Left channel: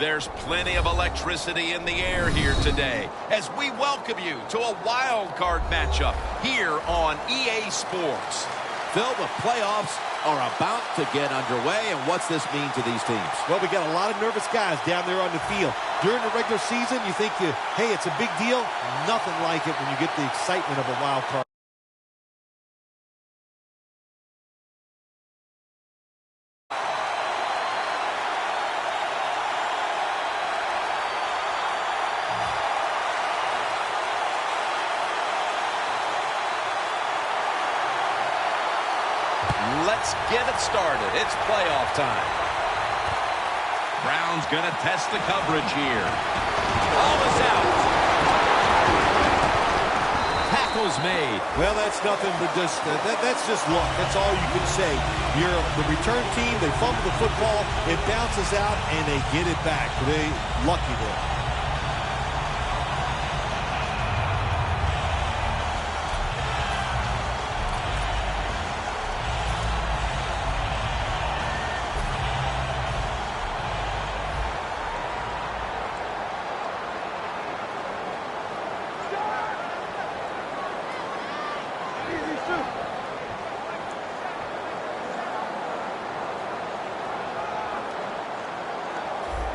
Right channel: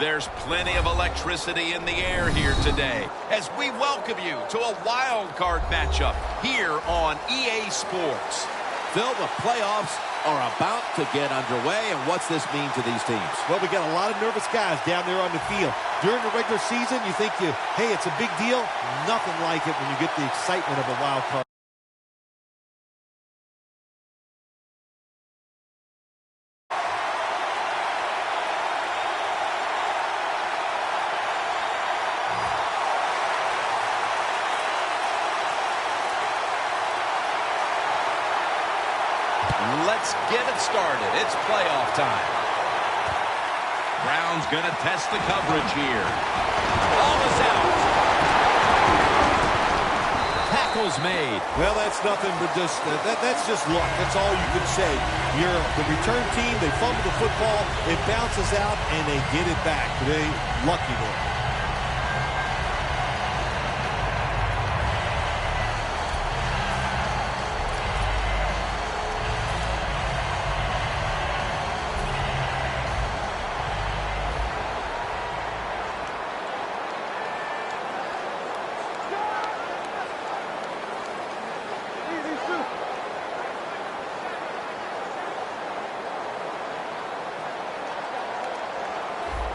There's plenty of electricity in the air here today as we welcome you to a wild card matchup here on EA Sports. Phil, the playoffs are about to get underway, and what's this mean to these teams? Well, we got a lot of nervous guys down there on the field. During the regular season, you think, hey, it's a big deal. Nothing like it when you get the excitement of a wild card. Let's get it started. It's playoff time. Brown's going to test the coverage here. Ball is out. Tackle's made. Well, that's nothing but just that's just luck. That's all you can say. You're the return team. They fumble the football. It bounces out, and they get it back. They lucky there.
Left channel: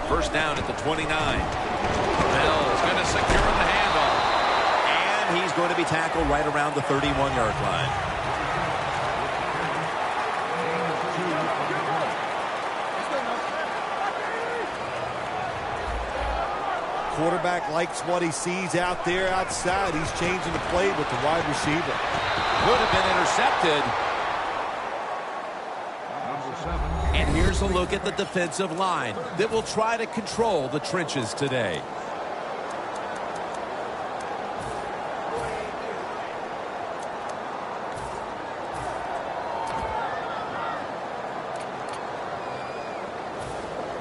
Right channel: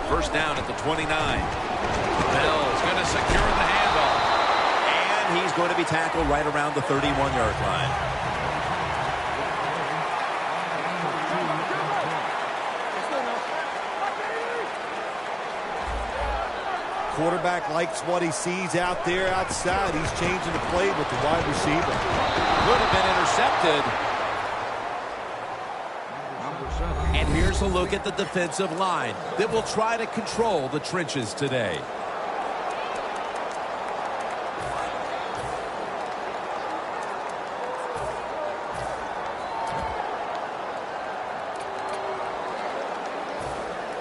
First down at the 29. Bell's going to secure the handoff. And he's going to be tackled right around the 31-yard line. Quarterback likes what he sees out there outside. He's changing the play with the wide receiver. Could have been intercepted. And here's a look at the defensive line that will try to control the trenches today.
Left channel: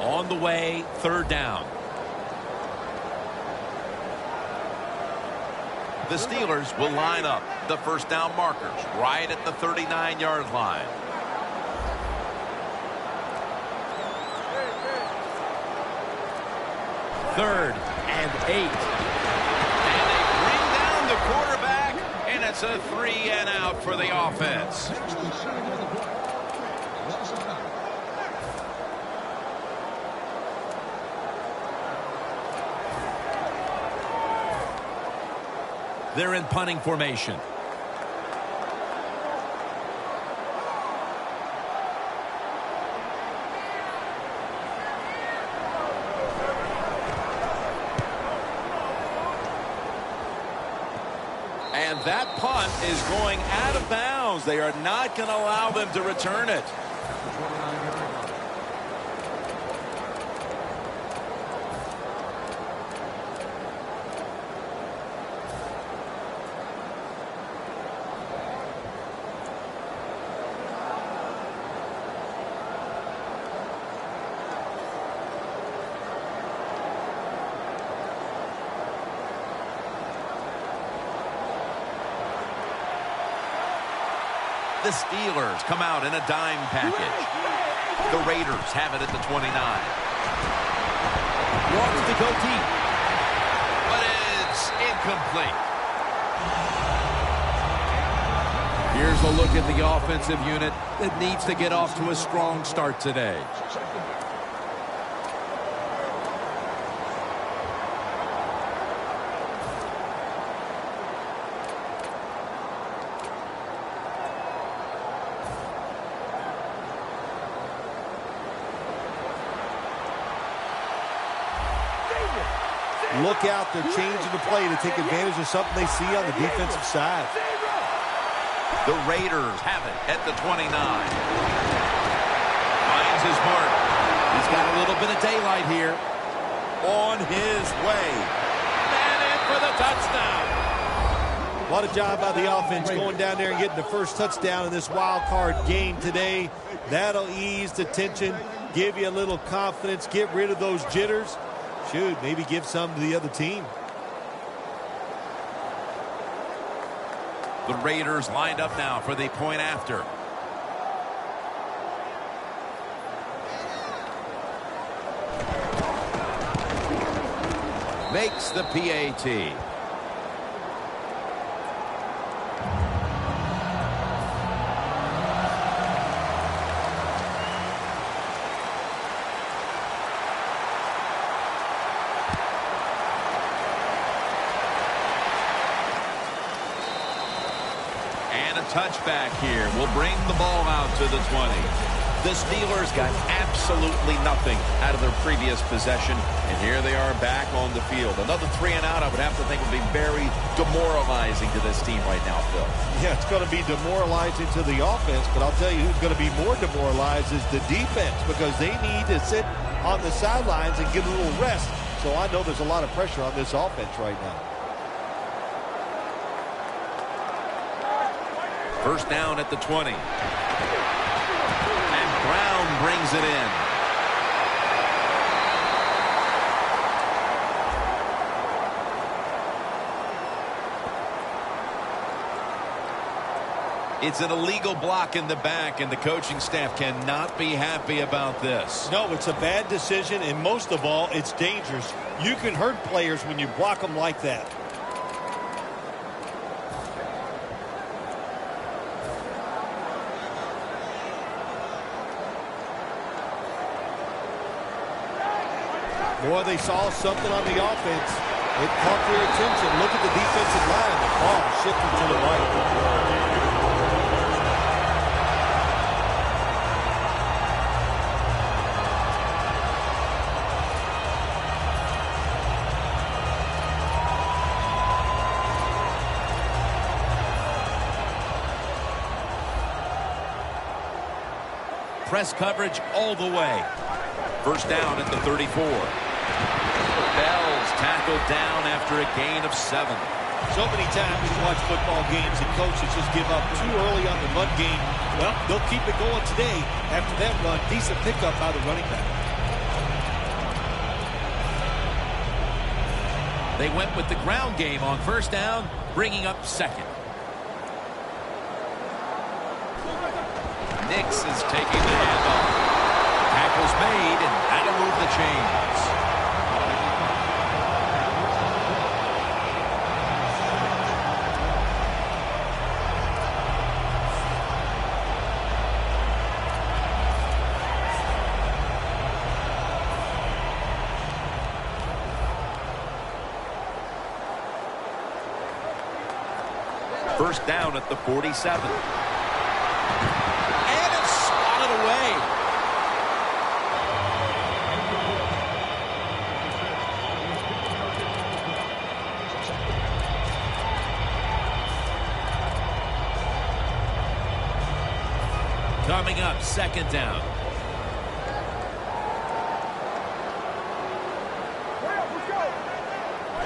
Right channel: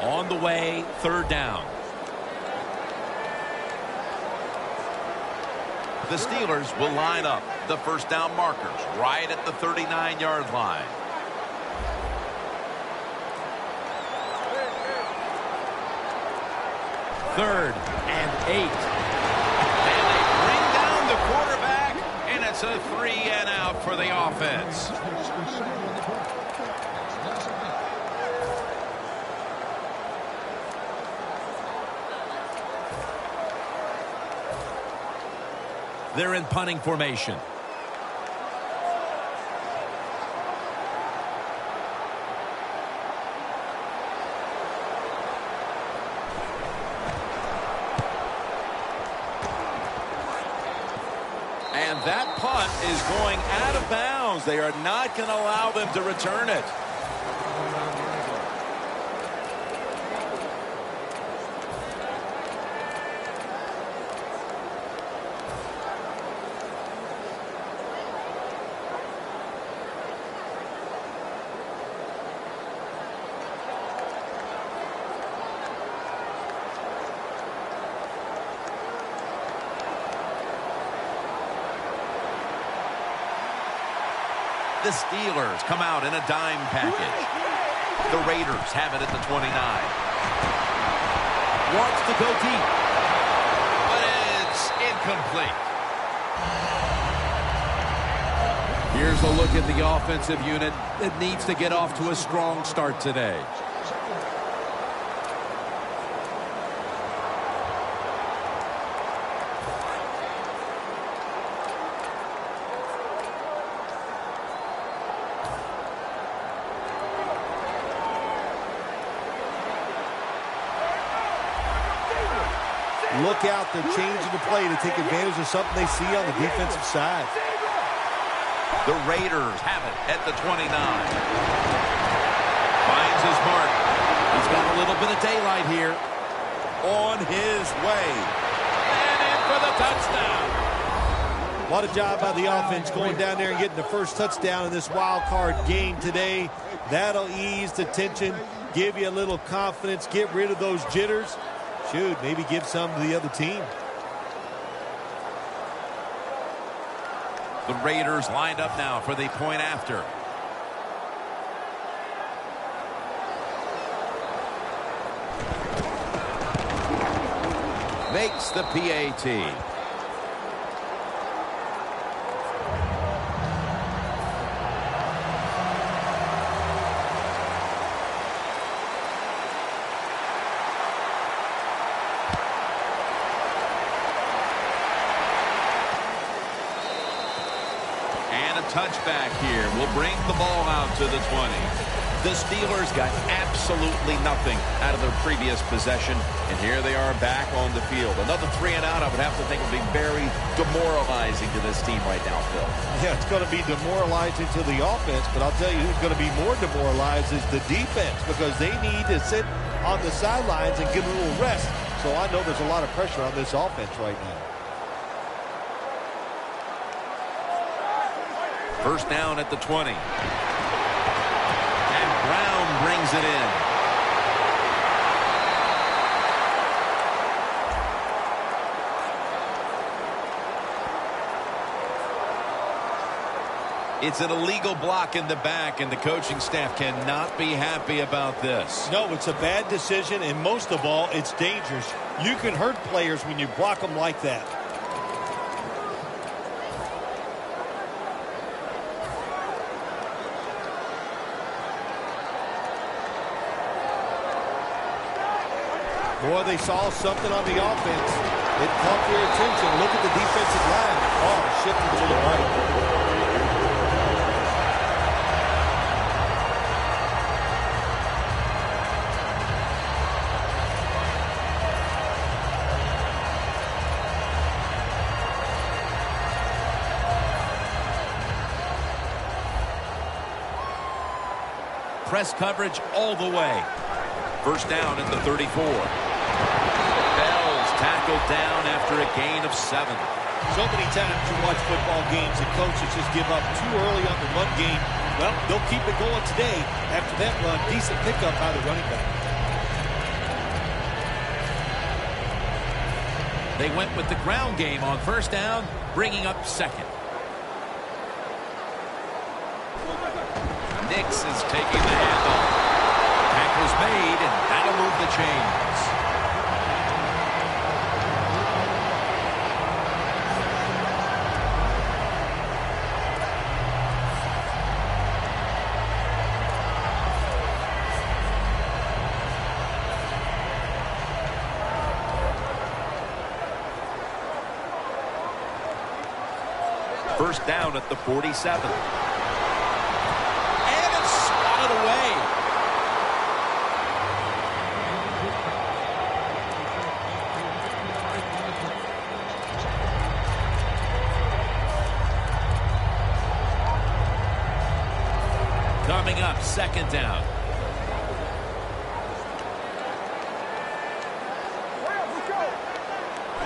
On the way, third down. The Steelers will line up the first down markers right at the 39-yard line. Third and 8. And they bring down the quarterback, and it's a 3-and-out for the offense. They're in punting formation. And that punt is going out of bounds. They are not going to allow them to return it. The Steelers come out in a dime package. The Raiders have it at the 29. Wants to go deep. But it's incomplete. Here's a look at the offensive unit that needs to get off to a strong start today. Look out, they're changing the play to take advantage of something they see on the defensive side. The Raiders have it at the 29. Finds his mark. He's got a little bit of daylight here. On his way. And in for the touchdown. What a job by the offense going down there and getting the first touchdown in this wild card game today. That'll ease the tension, give you a little confidence, get rid of those jitters. Should maybe give some to the other team. The Raiders lined up now for the point after. makes the PAT. And a touchback here will bring the ball out to the 20. The Steelers got absolutely nothing out of their previous possession, and here they are back on the field. Another 3 and out, I would have to think, would be very demoralizing to this team right now, Phil. Yeah, it's going to be demoralizing to the offense, but I'll tell you who's going to be more demoralized is the defense, because they need to sit on the sidelines and get a little rest. So I know there's a lot of pressure on this offense right now. First down at the 20. And Brown brings it in. It's an illegal block in the back, and the coaching staff cannot be happy about this. No, it's a bad decision, and most of all, it's dangerous. You can hurt players when you block them like that. Boy, they saw something on the offense. It caught their attention. Look at the defensive line. The ball shifting to the right. Press coverage all the way. First down at the 34. Bell's tackled down after a gain of 7. So many times you watch football games and coaches just give up too early on the run game. Well, they'll keep it going today. After that run, decent pickup by the running back. They went with the ground game on first down, bringing up second. Nix is taking the handoff. Tackle's made, and that'll move the chains. First down at the 47. And it's swatted away. Coming up, second down.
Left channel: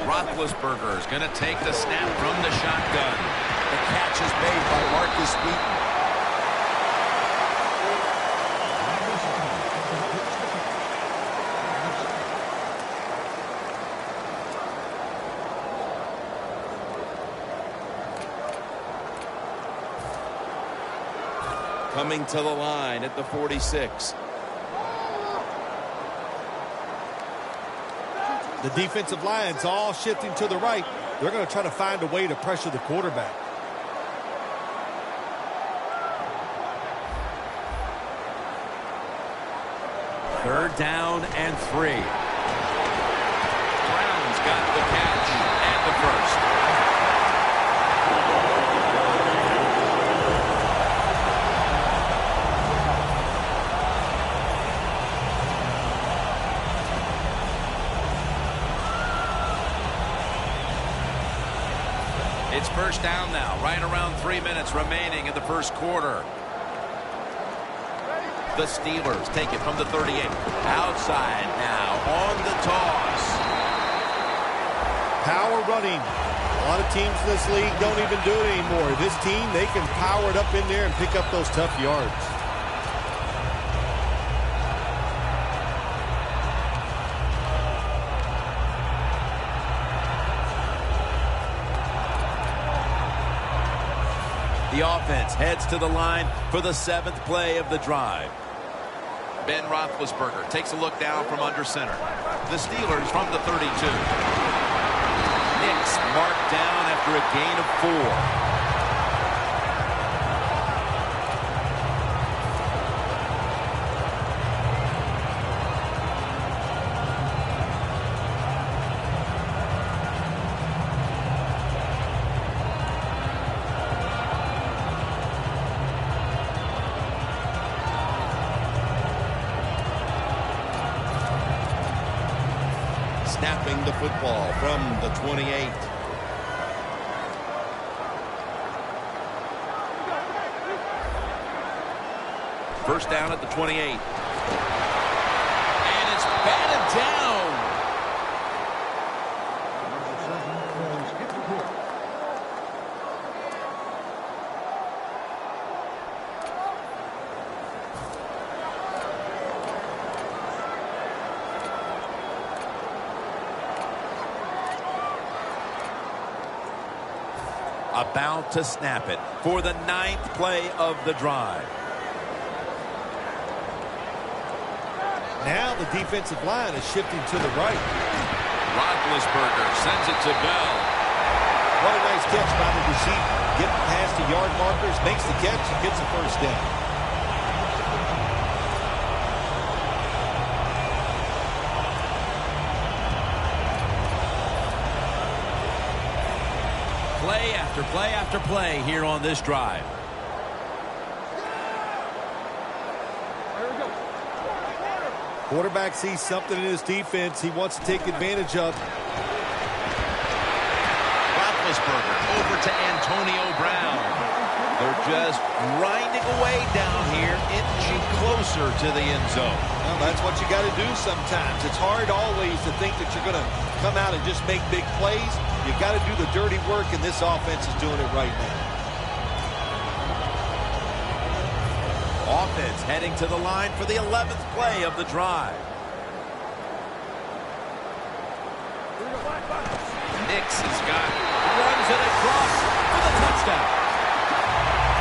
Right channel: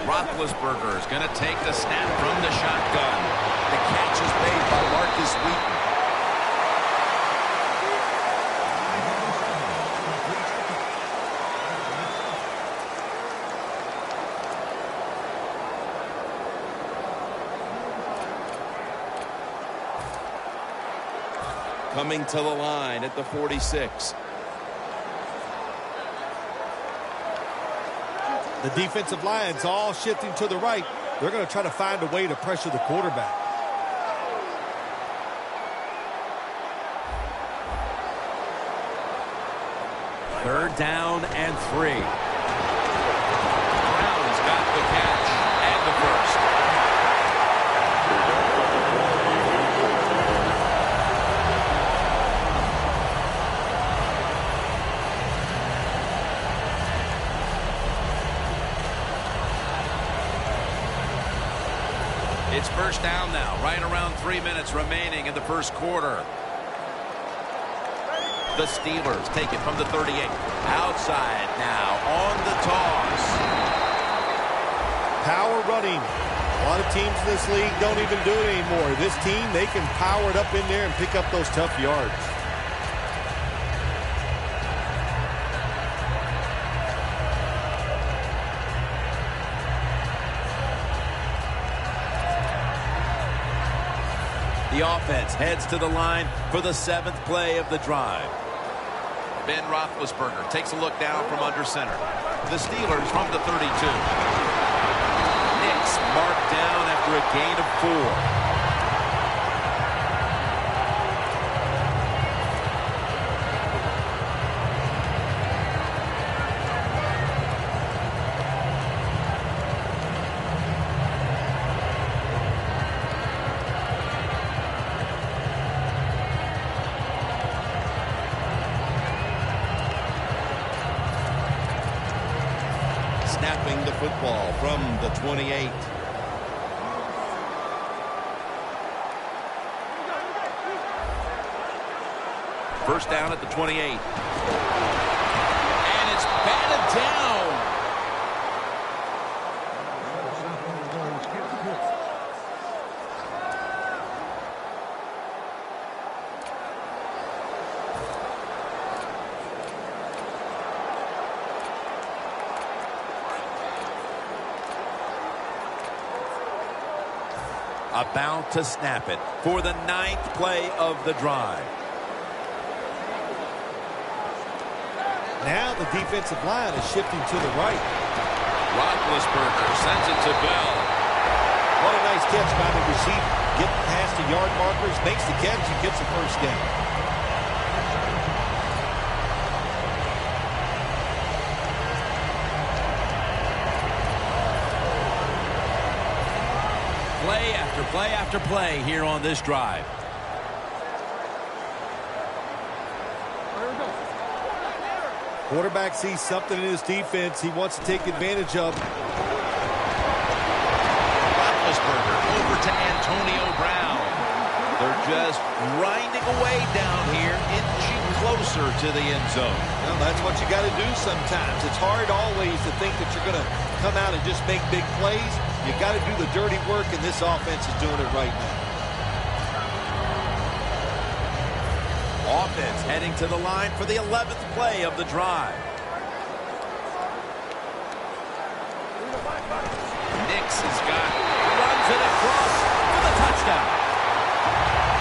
Roethlisberger is going to take the snap from the shotgun. The catch is made by Marcus Wheaton. Coming to the line at the 46. The defensive line's all shifting to the right. They're going to try to find a way to pressure the quarterback. Third down and 3. Brown's got the catch and the first. It's first down now, right around 3 minutes remaining in the first quarter. The Steelers take it from the 38. Outside now on the toss. Power running. A lot of teams in this league don't even do it anymore. This team, they can power it up in there and pick up those tough yards. The offense heads to the line for the 7th play of the drive. Ben Roethlisberger takes a look down from under center. The Steelers from the 32. It's marked down after a gain of 4. Snapping the football from the 28. First down at the 28. And it's batted down. About to snap it for the 9th play of the drive. Now the defensive line is shifting to the right. Roethlisberger sends it to Bell. What a nice catch by the receiver. Getting past the yard markers, makes the catch, and gets the first down. Play after play after play here on this drive. Quarterback sees something in his defense he wants to take advantage of. Roethlisberger over to Antonio Brown. They're just grinding away down here, inching closer to the end zone. Well, that's what you got to do sometimes. It's hard always to think that you're going to come out and just make big plays. You got to do the dirty work, and this offense is doing it right now. Offense heading to the line for the 11th play of the drive. Nix has got Runs it across for the touchdown.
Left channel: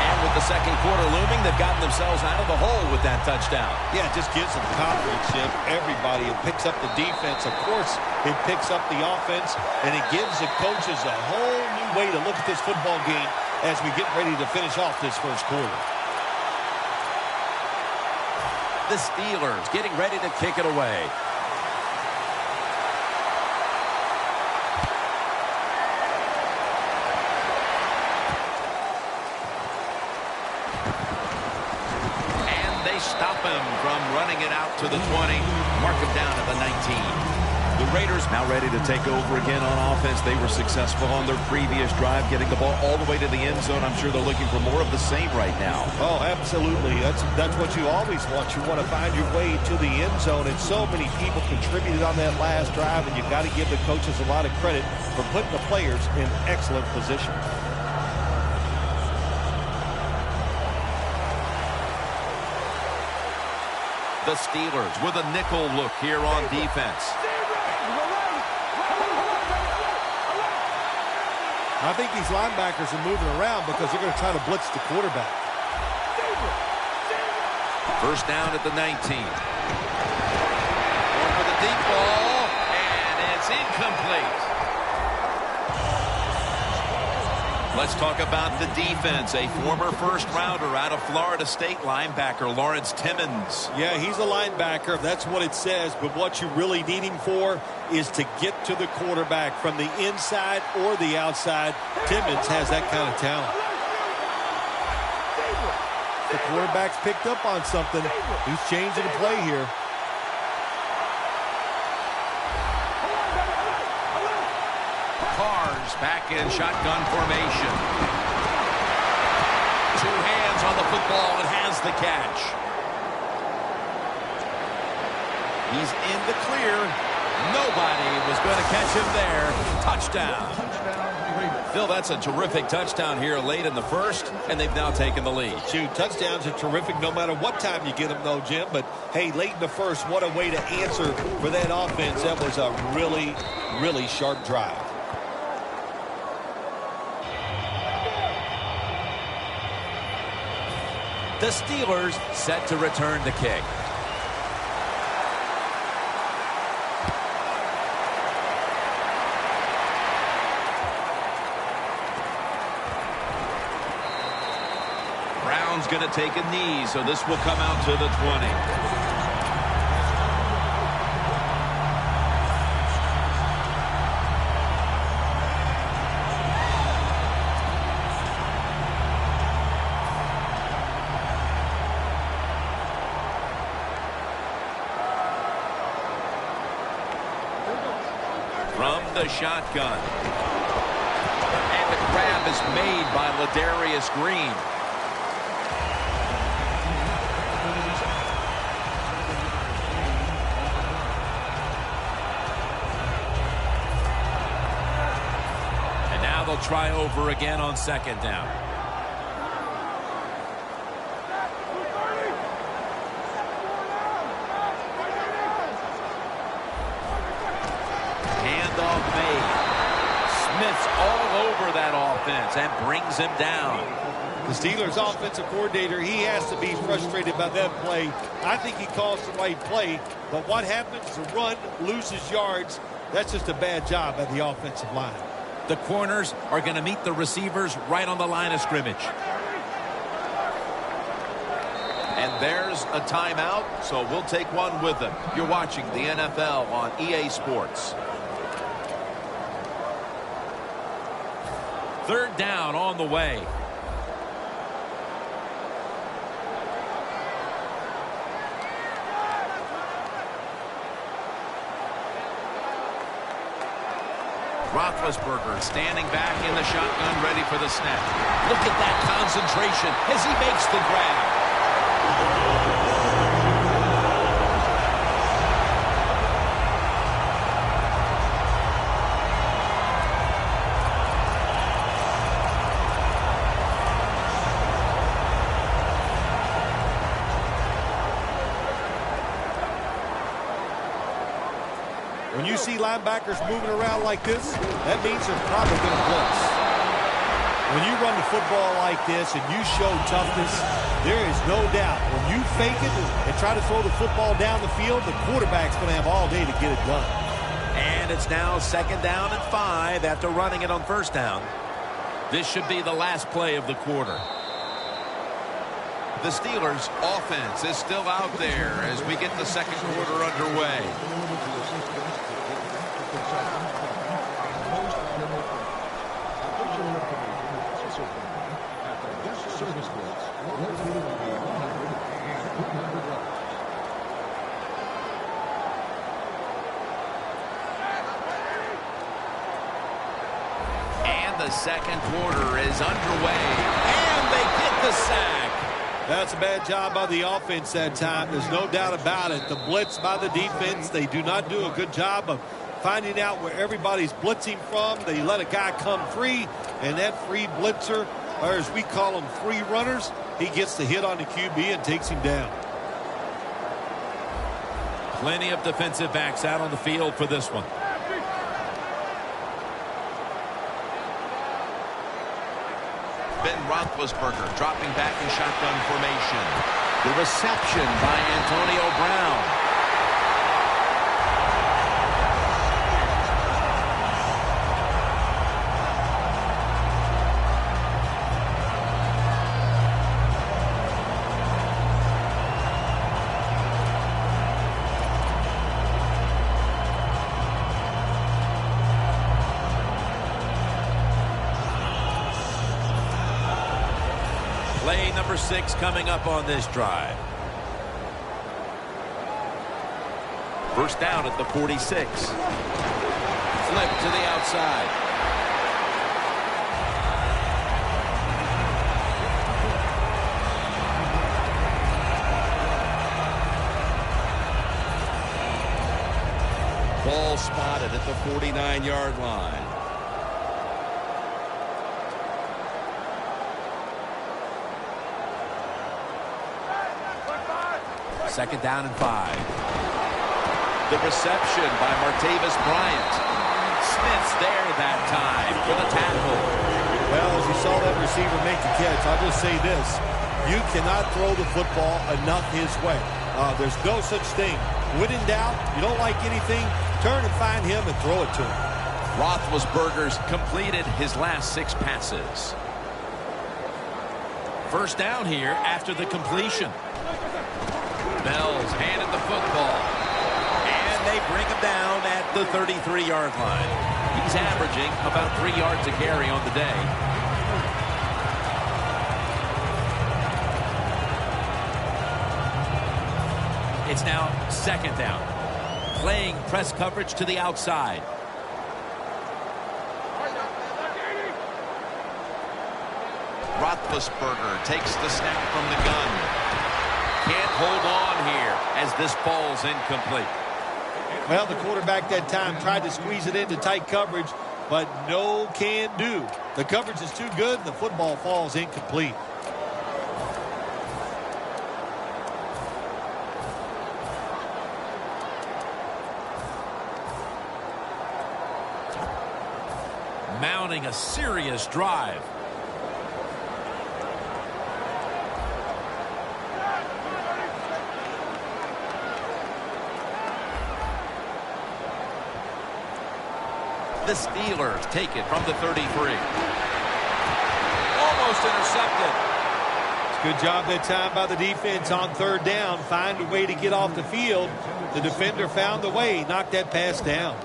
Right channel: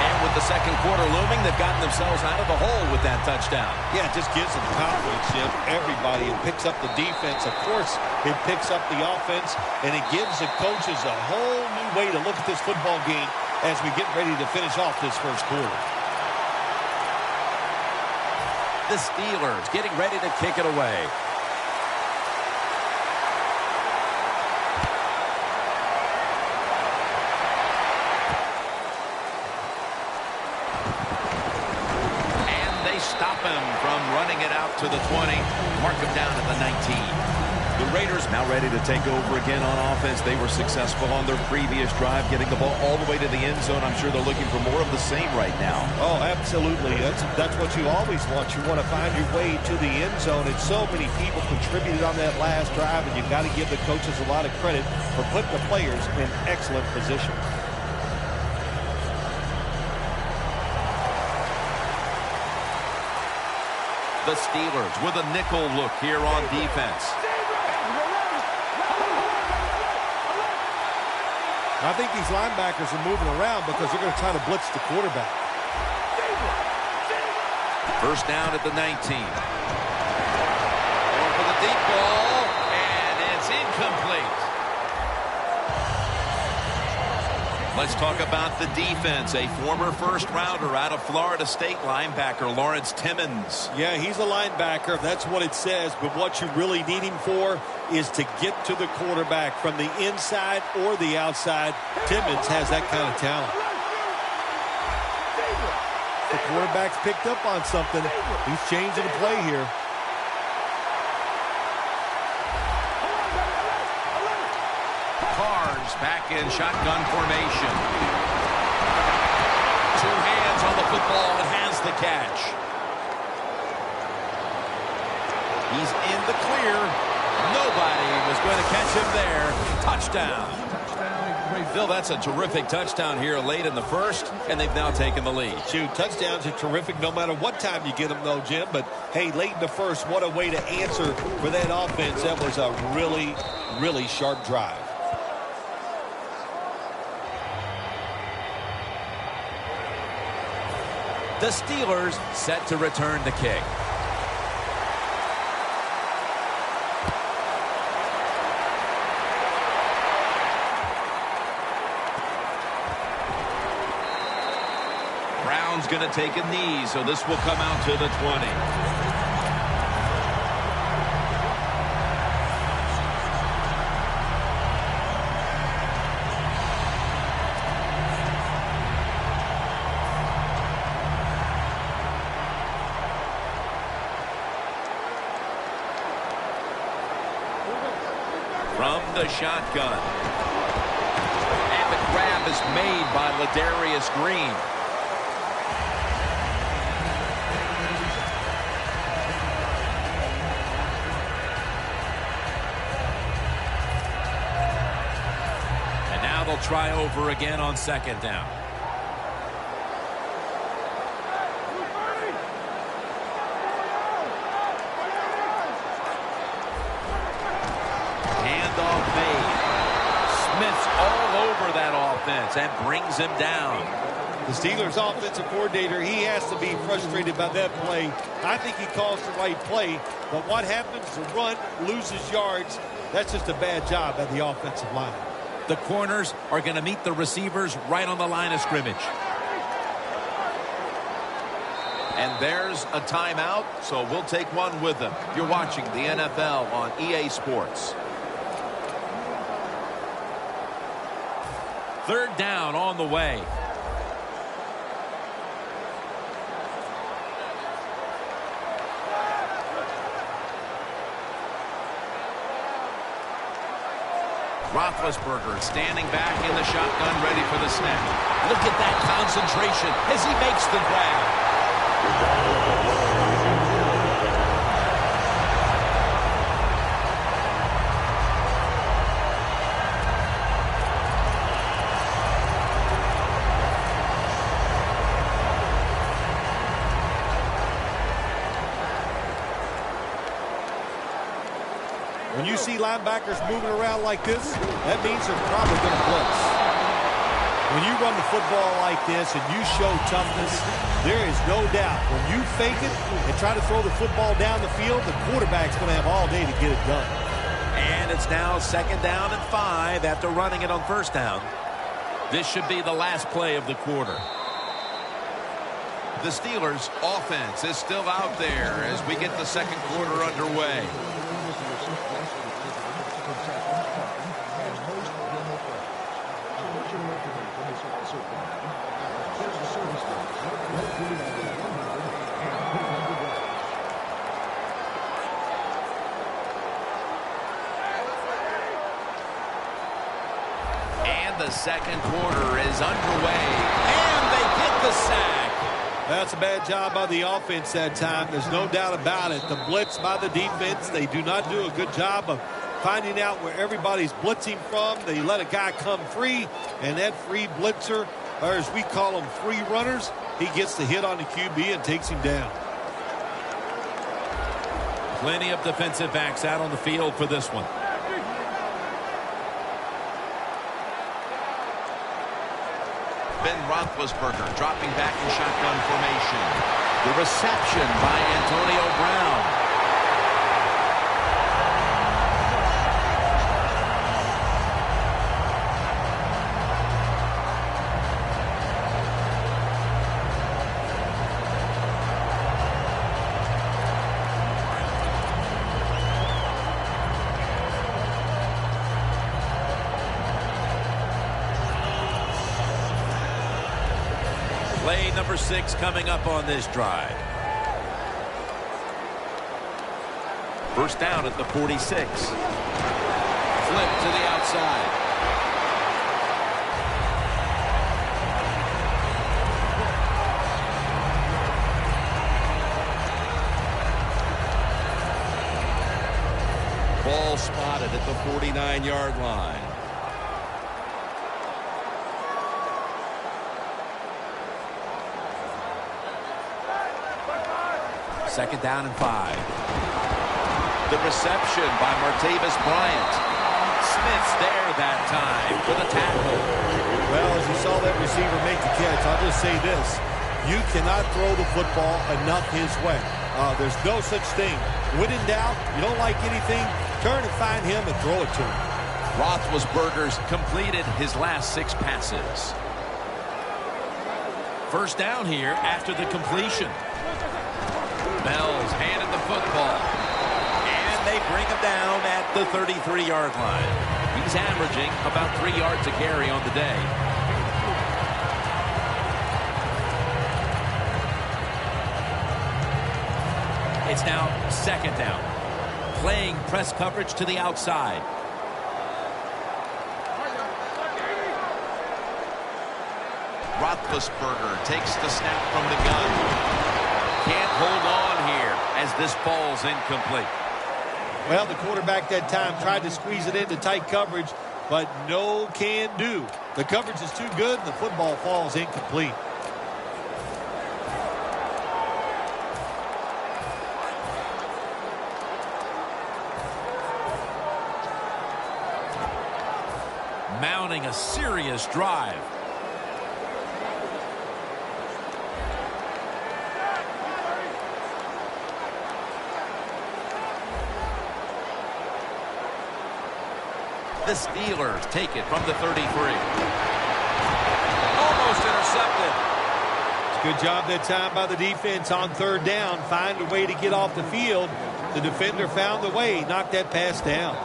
And with the second quarter looming, they've gotten themselves out of the hole with that touchdown. Yeah, it just gives them confidence, Jim. Everybody. It picks up the defense. Of course, it picks up the offense, and it gives the coaches a whole new way to look at this football game as we get ready to finish off this first quarter. The Steelers getting ready to kick it away. and they stop him from running it out to the 20. Mark him down at the 19. The Raiders now ready to take over again on offense. They were successful on their previous drive, getting the ball all the way to the end zone. I'm sure they're looking for more of the same right now. Oh, absolutely. That's what you always want. You want to find your way to the end zone, and so many people contributed on that last drive, and you've got to give the coaches a lot of credit for putting the players in excellent position. The Steelers with a nickel look here on defense. I think these linebackers are moving around because they're going to try to blitz the quarterback. First down at the 19. Going for the deep ball, and it's incomplete. Let's talk about the defense. A former first-rounder out of Florida State, linebacker Lawrence Timmons. Yeah, he's a linebacker. That's what it says. But what you really need him for is to get to the quarterback from the inside or the outside. Timmons has that kind of talent. The quarterback's picked up on something. He's changing the play here. Carr's back in shotgun formation. Two hands on the football and has the catch. He's in the clear. Nobody was going to catch him there. Touchdown. Phil, that's a terrific touchdown here late in the first, and they've now taken the lead. Shoot, touchdowns are terrific no matter what time you get them, though, Jim. But, hey, late in the first, what a way to answer for that offense. That was a really, really sharp drive. The Steelers set to return the kick. Brown's going to take a knee, so this will come out to the 20. From the shotgun. And the grab is made by Ladarius Green. And now they'll try over again on second down. Handoff made. Smith's all over that offense and brings him down. The Steelers offensive coordinator, he has to be frustrated by that play. I think he calls the right play, but what happens? The run loses yards. That's just a bad job by the offensive line. The corners are going to meet the receivers right on the line of scrimmage. And there's a timeout, so we'll take one with them. You're watching the NFL on EA Sports. Third down on the way. Roethlisberger standing back in the shotgun, ready for the snap. Look at that concentration as he makes the grab. When you see linebackers moving around like this, that means they're probably going to blitz. When you run the football like this and you show toughness, there is no doubt when you fake it and try to throw the football down the field, the quarterback's going to have all day to get it done. And it's now second down and 5 after running it on first down. This should be the last play of the quarter. The Steelers' offense is still out there as we get the second quarter underway. The second quarter is underway, and they get the sack. That's a bad job by the offense that time. There's no doubt about it. The blitz by the defense, they do not do a good job of finding out where everybody's blitzing from. They let a guy come free, and that free blitzer, or as we call them, free runners, he gets the hit on the QB and takes him down. Plenty of defensive backs out on the field for this one. Ben Roethlisberger dropping back in shotgun formation. The reception by Antonio Brown. Play number 6 coming up on this drive. First down at the 46. Flip to the outside. Ball spotted at the 49-yard line. Second down and 5. The reception by Martavis Bryant. Smith's there that time for the tackle. Well, as you saw that receiver make the catch, I'll just say this. You cannot throw the football enough his way. There's no such thing. When in doubt, you don't like anything, turn and find him and throw it to him. Roethlisberger's completed his last 6 passes. First down here after the completion. Bell's handed the football. And they bring him down at the 33-yard line. He's averaging about 3 yards a carry on the day. It's now second down. Playing press coverage to the outside. Roethlisberger takes the snap from the gun. Can't hold on here as this ball's incomplete. Well, the quarterback that time tried to squeeze it into tight coverage, but no can do. The coverage is too good, and the football falls incomplete. Mounting a serious drive. The Steelers take it from the 33. Almost intercepted. It's a good job that time by the defense on third down. Find a way to get off the field. The defender found the way. Knocked that pass down.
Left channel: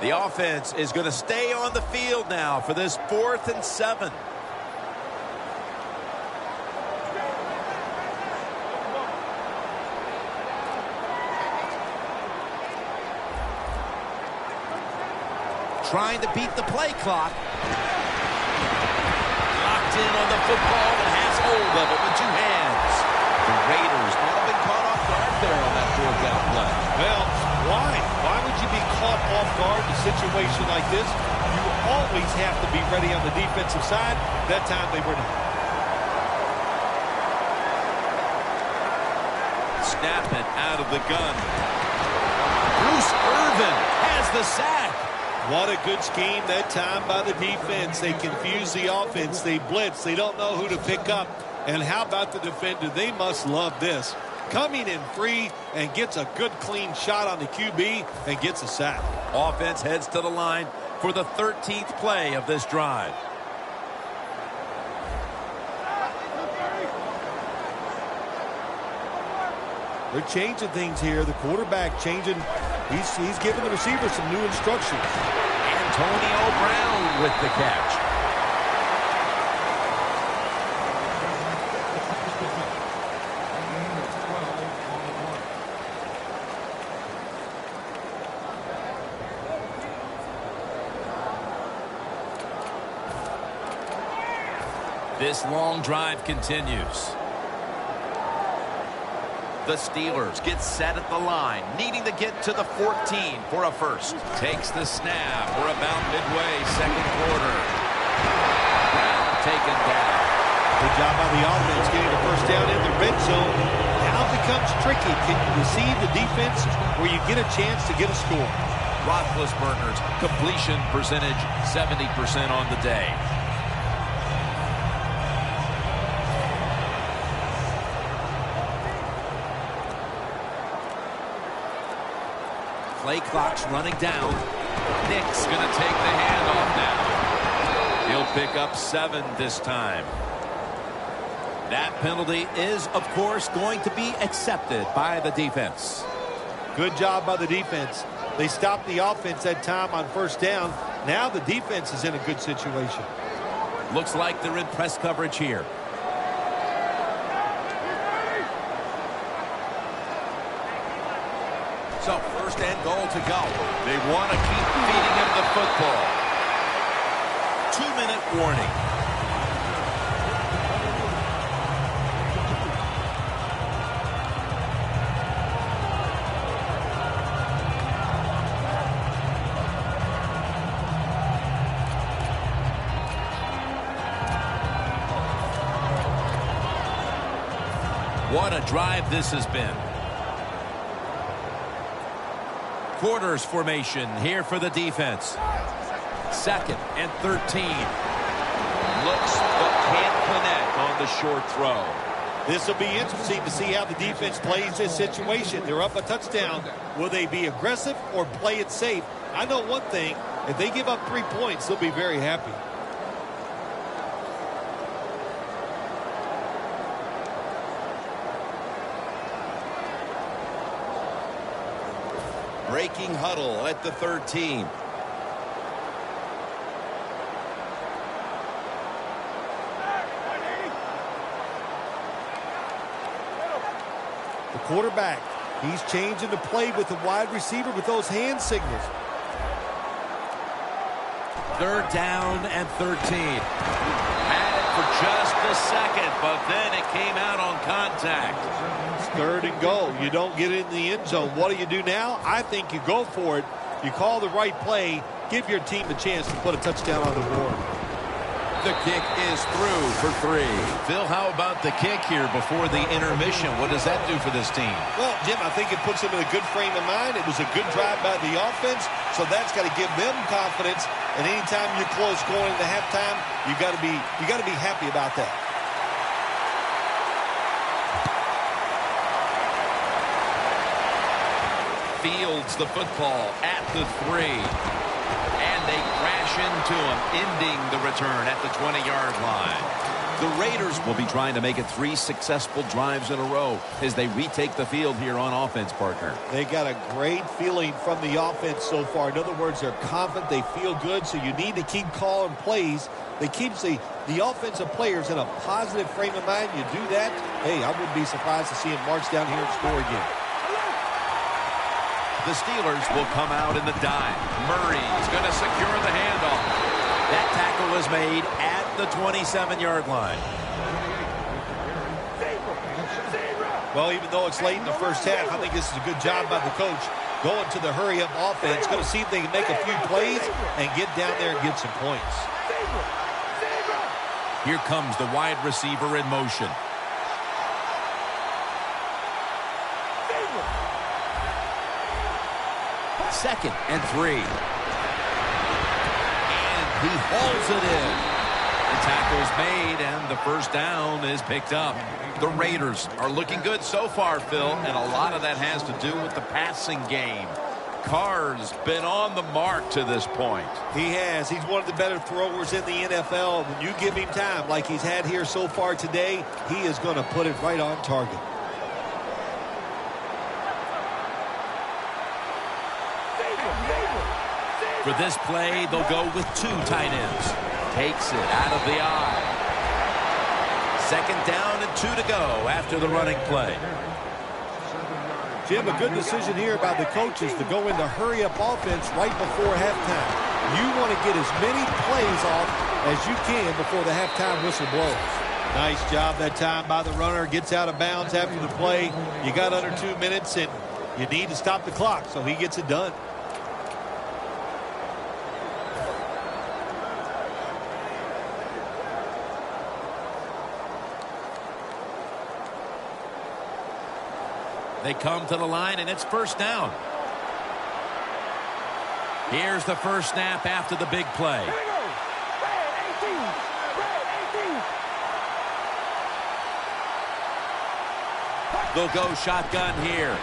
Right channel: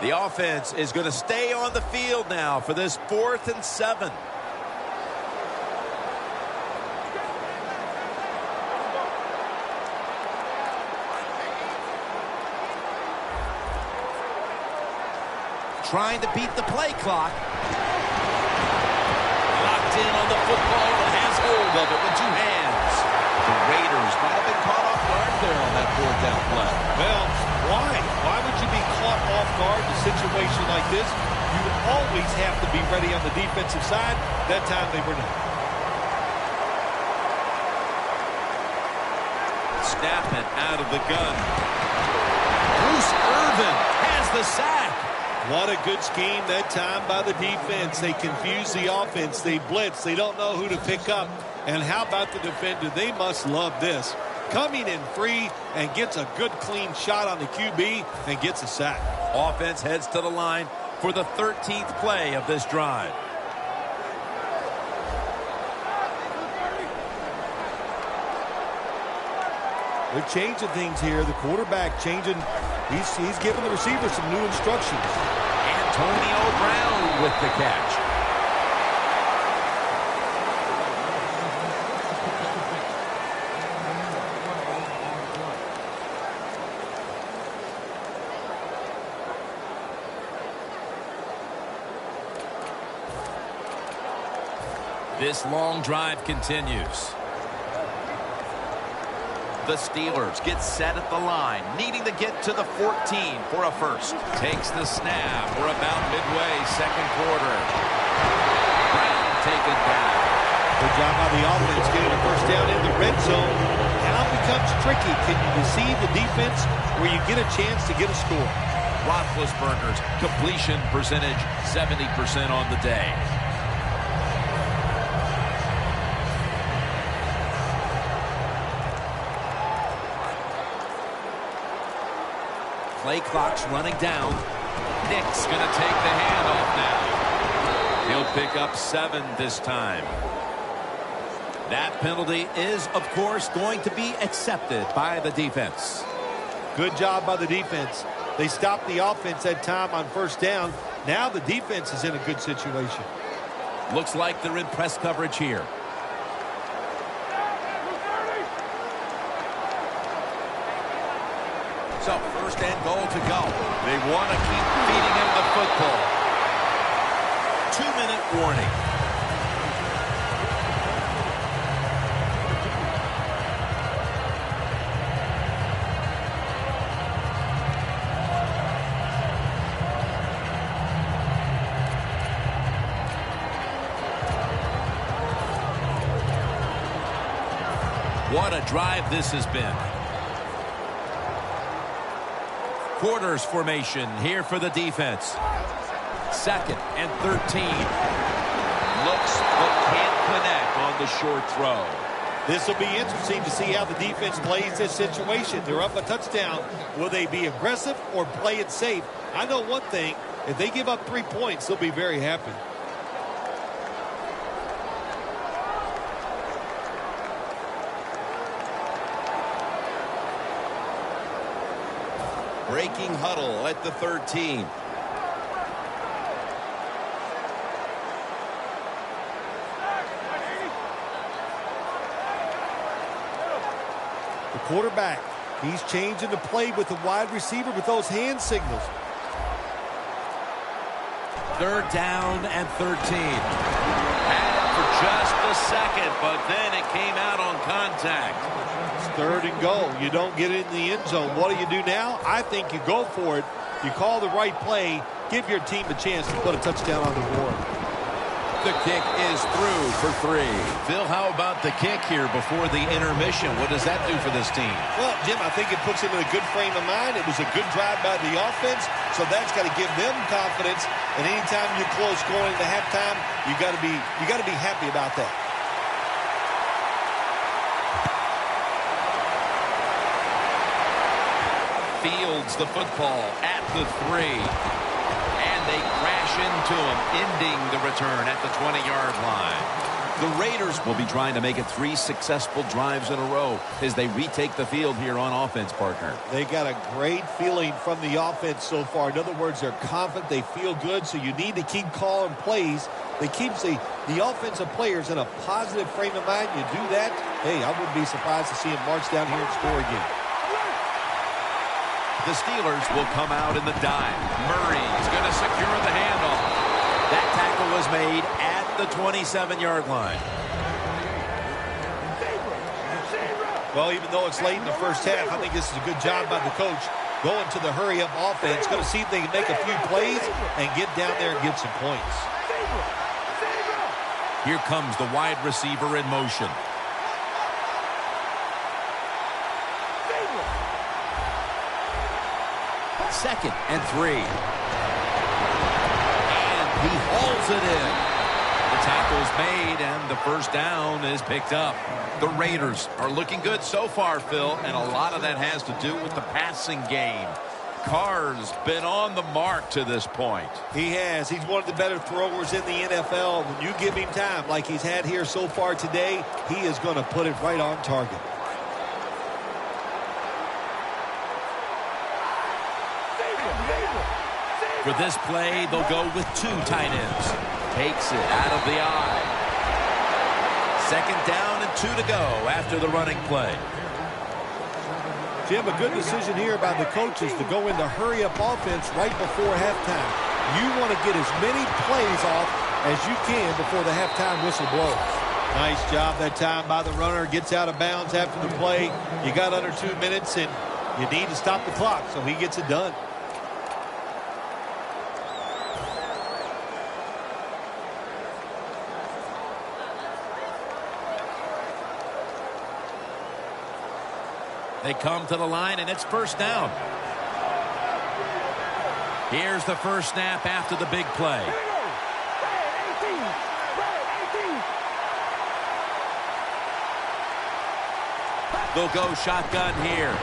The offense is going to stay on the field now for this 4th and 7. Trying to beat the play clock. Locked in on the football and has hold of it with 2 hands. The Raiders might have been caught off guard there on that 4th down play. Well, why? Why would you be caught off guard in a situation like this? You always have to be ready on the defensive side. That time they were not. Snap it out of the gun. Bruce Irvin has the sack. What a good scheme that time by the defense. They confuse the offense. They blitz. They don't know who to pick up. And how about the defender? They must love this. Coming in free and gets a good clean shot on the QB and gets a sack. Offense heads to the line for the 13th play of this drive. They're changing things here. The quarterback changing. He's giving the receiver some new instructions. Antonio Brown with the catch. This long drive continues. The Steelers get set at the line, needing to get to the 14 for a first. Takes the snap. We're about midway, second quarter. Brown taken down. Good job by the offense getting the first down in the red zone. Now it becomes tricky. Can you deceive the defense where you get a chance to get a score? Roethlisberger's completion percentage 70% on the day. Play clock's running down. Nick's going to take the handoff now. He'll pick up 7 this time. That penalty is, of course, going to be accepted by the defense. Good job by the defense. They stopped the offense that time on first down. Now the defense is in a good situation. Looks like they're in press coverage here. So, first and goal to go. They want to keep feeding him the football. 2-minute warning. What a drive this has been. Quarters formation here for the defense. 2nd and 13. Looks but can't connect on the short throw. This will be interesting to see how the defense plays this situation. They're up a touchdown. Will they be aggressive or play it safe? I know one thing. If they give up 3 points, they'll be very happy. Breaking huddle at the 13. The quarterback, he's changing the play with the wide receiver with those hand signals. 3rd down and 13. Had it for just a second, but then it came out on contact. It's 3rd and goal. You don't get it in the end zone. What do you do now? I think you go for it. You call the right play. Give your team a chance to put a touchdown on the board. The kick is through for 3. Phil, how about the kick here before the intermission? What does that do for this team? Well, Jim, I think it puts them in a good frame of mind. It was a good drive by the offense, so that's got to give them confidence. And anytime you're close going into halftime, you got to be happy about that. Fields the football at the 3. And they crash into him, ending the return at the 20-yard line. The Raiders will be trying to make it 3 successful drives in a row as they retake the field here on offense, partner. They got a great feeling from the offense so far. In other words, they're confident, they feel good, so you need to keep calling plays. They keep the offensive players in a positive frame of mind. You do that, hey, I wouldn't be surprised to see them march down here and score again. The Steelers will come out in the dime. Murray's going to secure the handoff. That tackle was made at the 27-yard line. Well, even though it's late in the first half, I think this is a good job by the coach going to the hurry-up offense. Going to see if they can make a few plays and get down there and get some points. Here comes the wide receiver in motion. Second and 3. And he hauls it in. The tackle's made, and the first down is picked up. The Raiders are looking good so far, Phil, and a lot of that has to do with the passing game. Carr's been on the mark to this point. He has. He's one of the better throwers in the NFL. When you give him time like he's had here so far today, he is going to put it right on target. For this play, they'll go with 2 tight ends. Takes it out of the eye. 2nd down and 2 to go after the running play. Jim, a good decision here by the coaches to go into hurry-up offense right before halftime. You want to get as many plays off as you can before the halftime whistle blows. Nice job that time by the runner. Gets out of bounds after the play. You got under 2 minutes, and you need to stop the clock, so he gets it done. They come to the line, and it's 1st down. Here's the first snap after the big play. Here we go. Red 18. Red 18. They'll go shotgun here.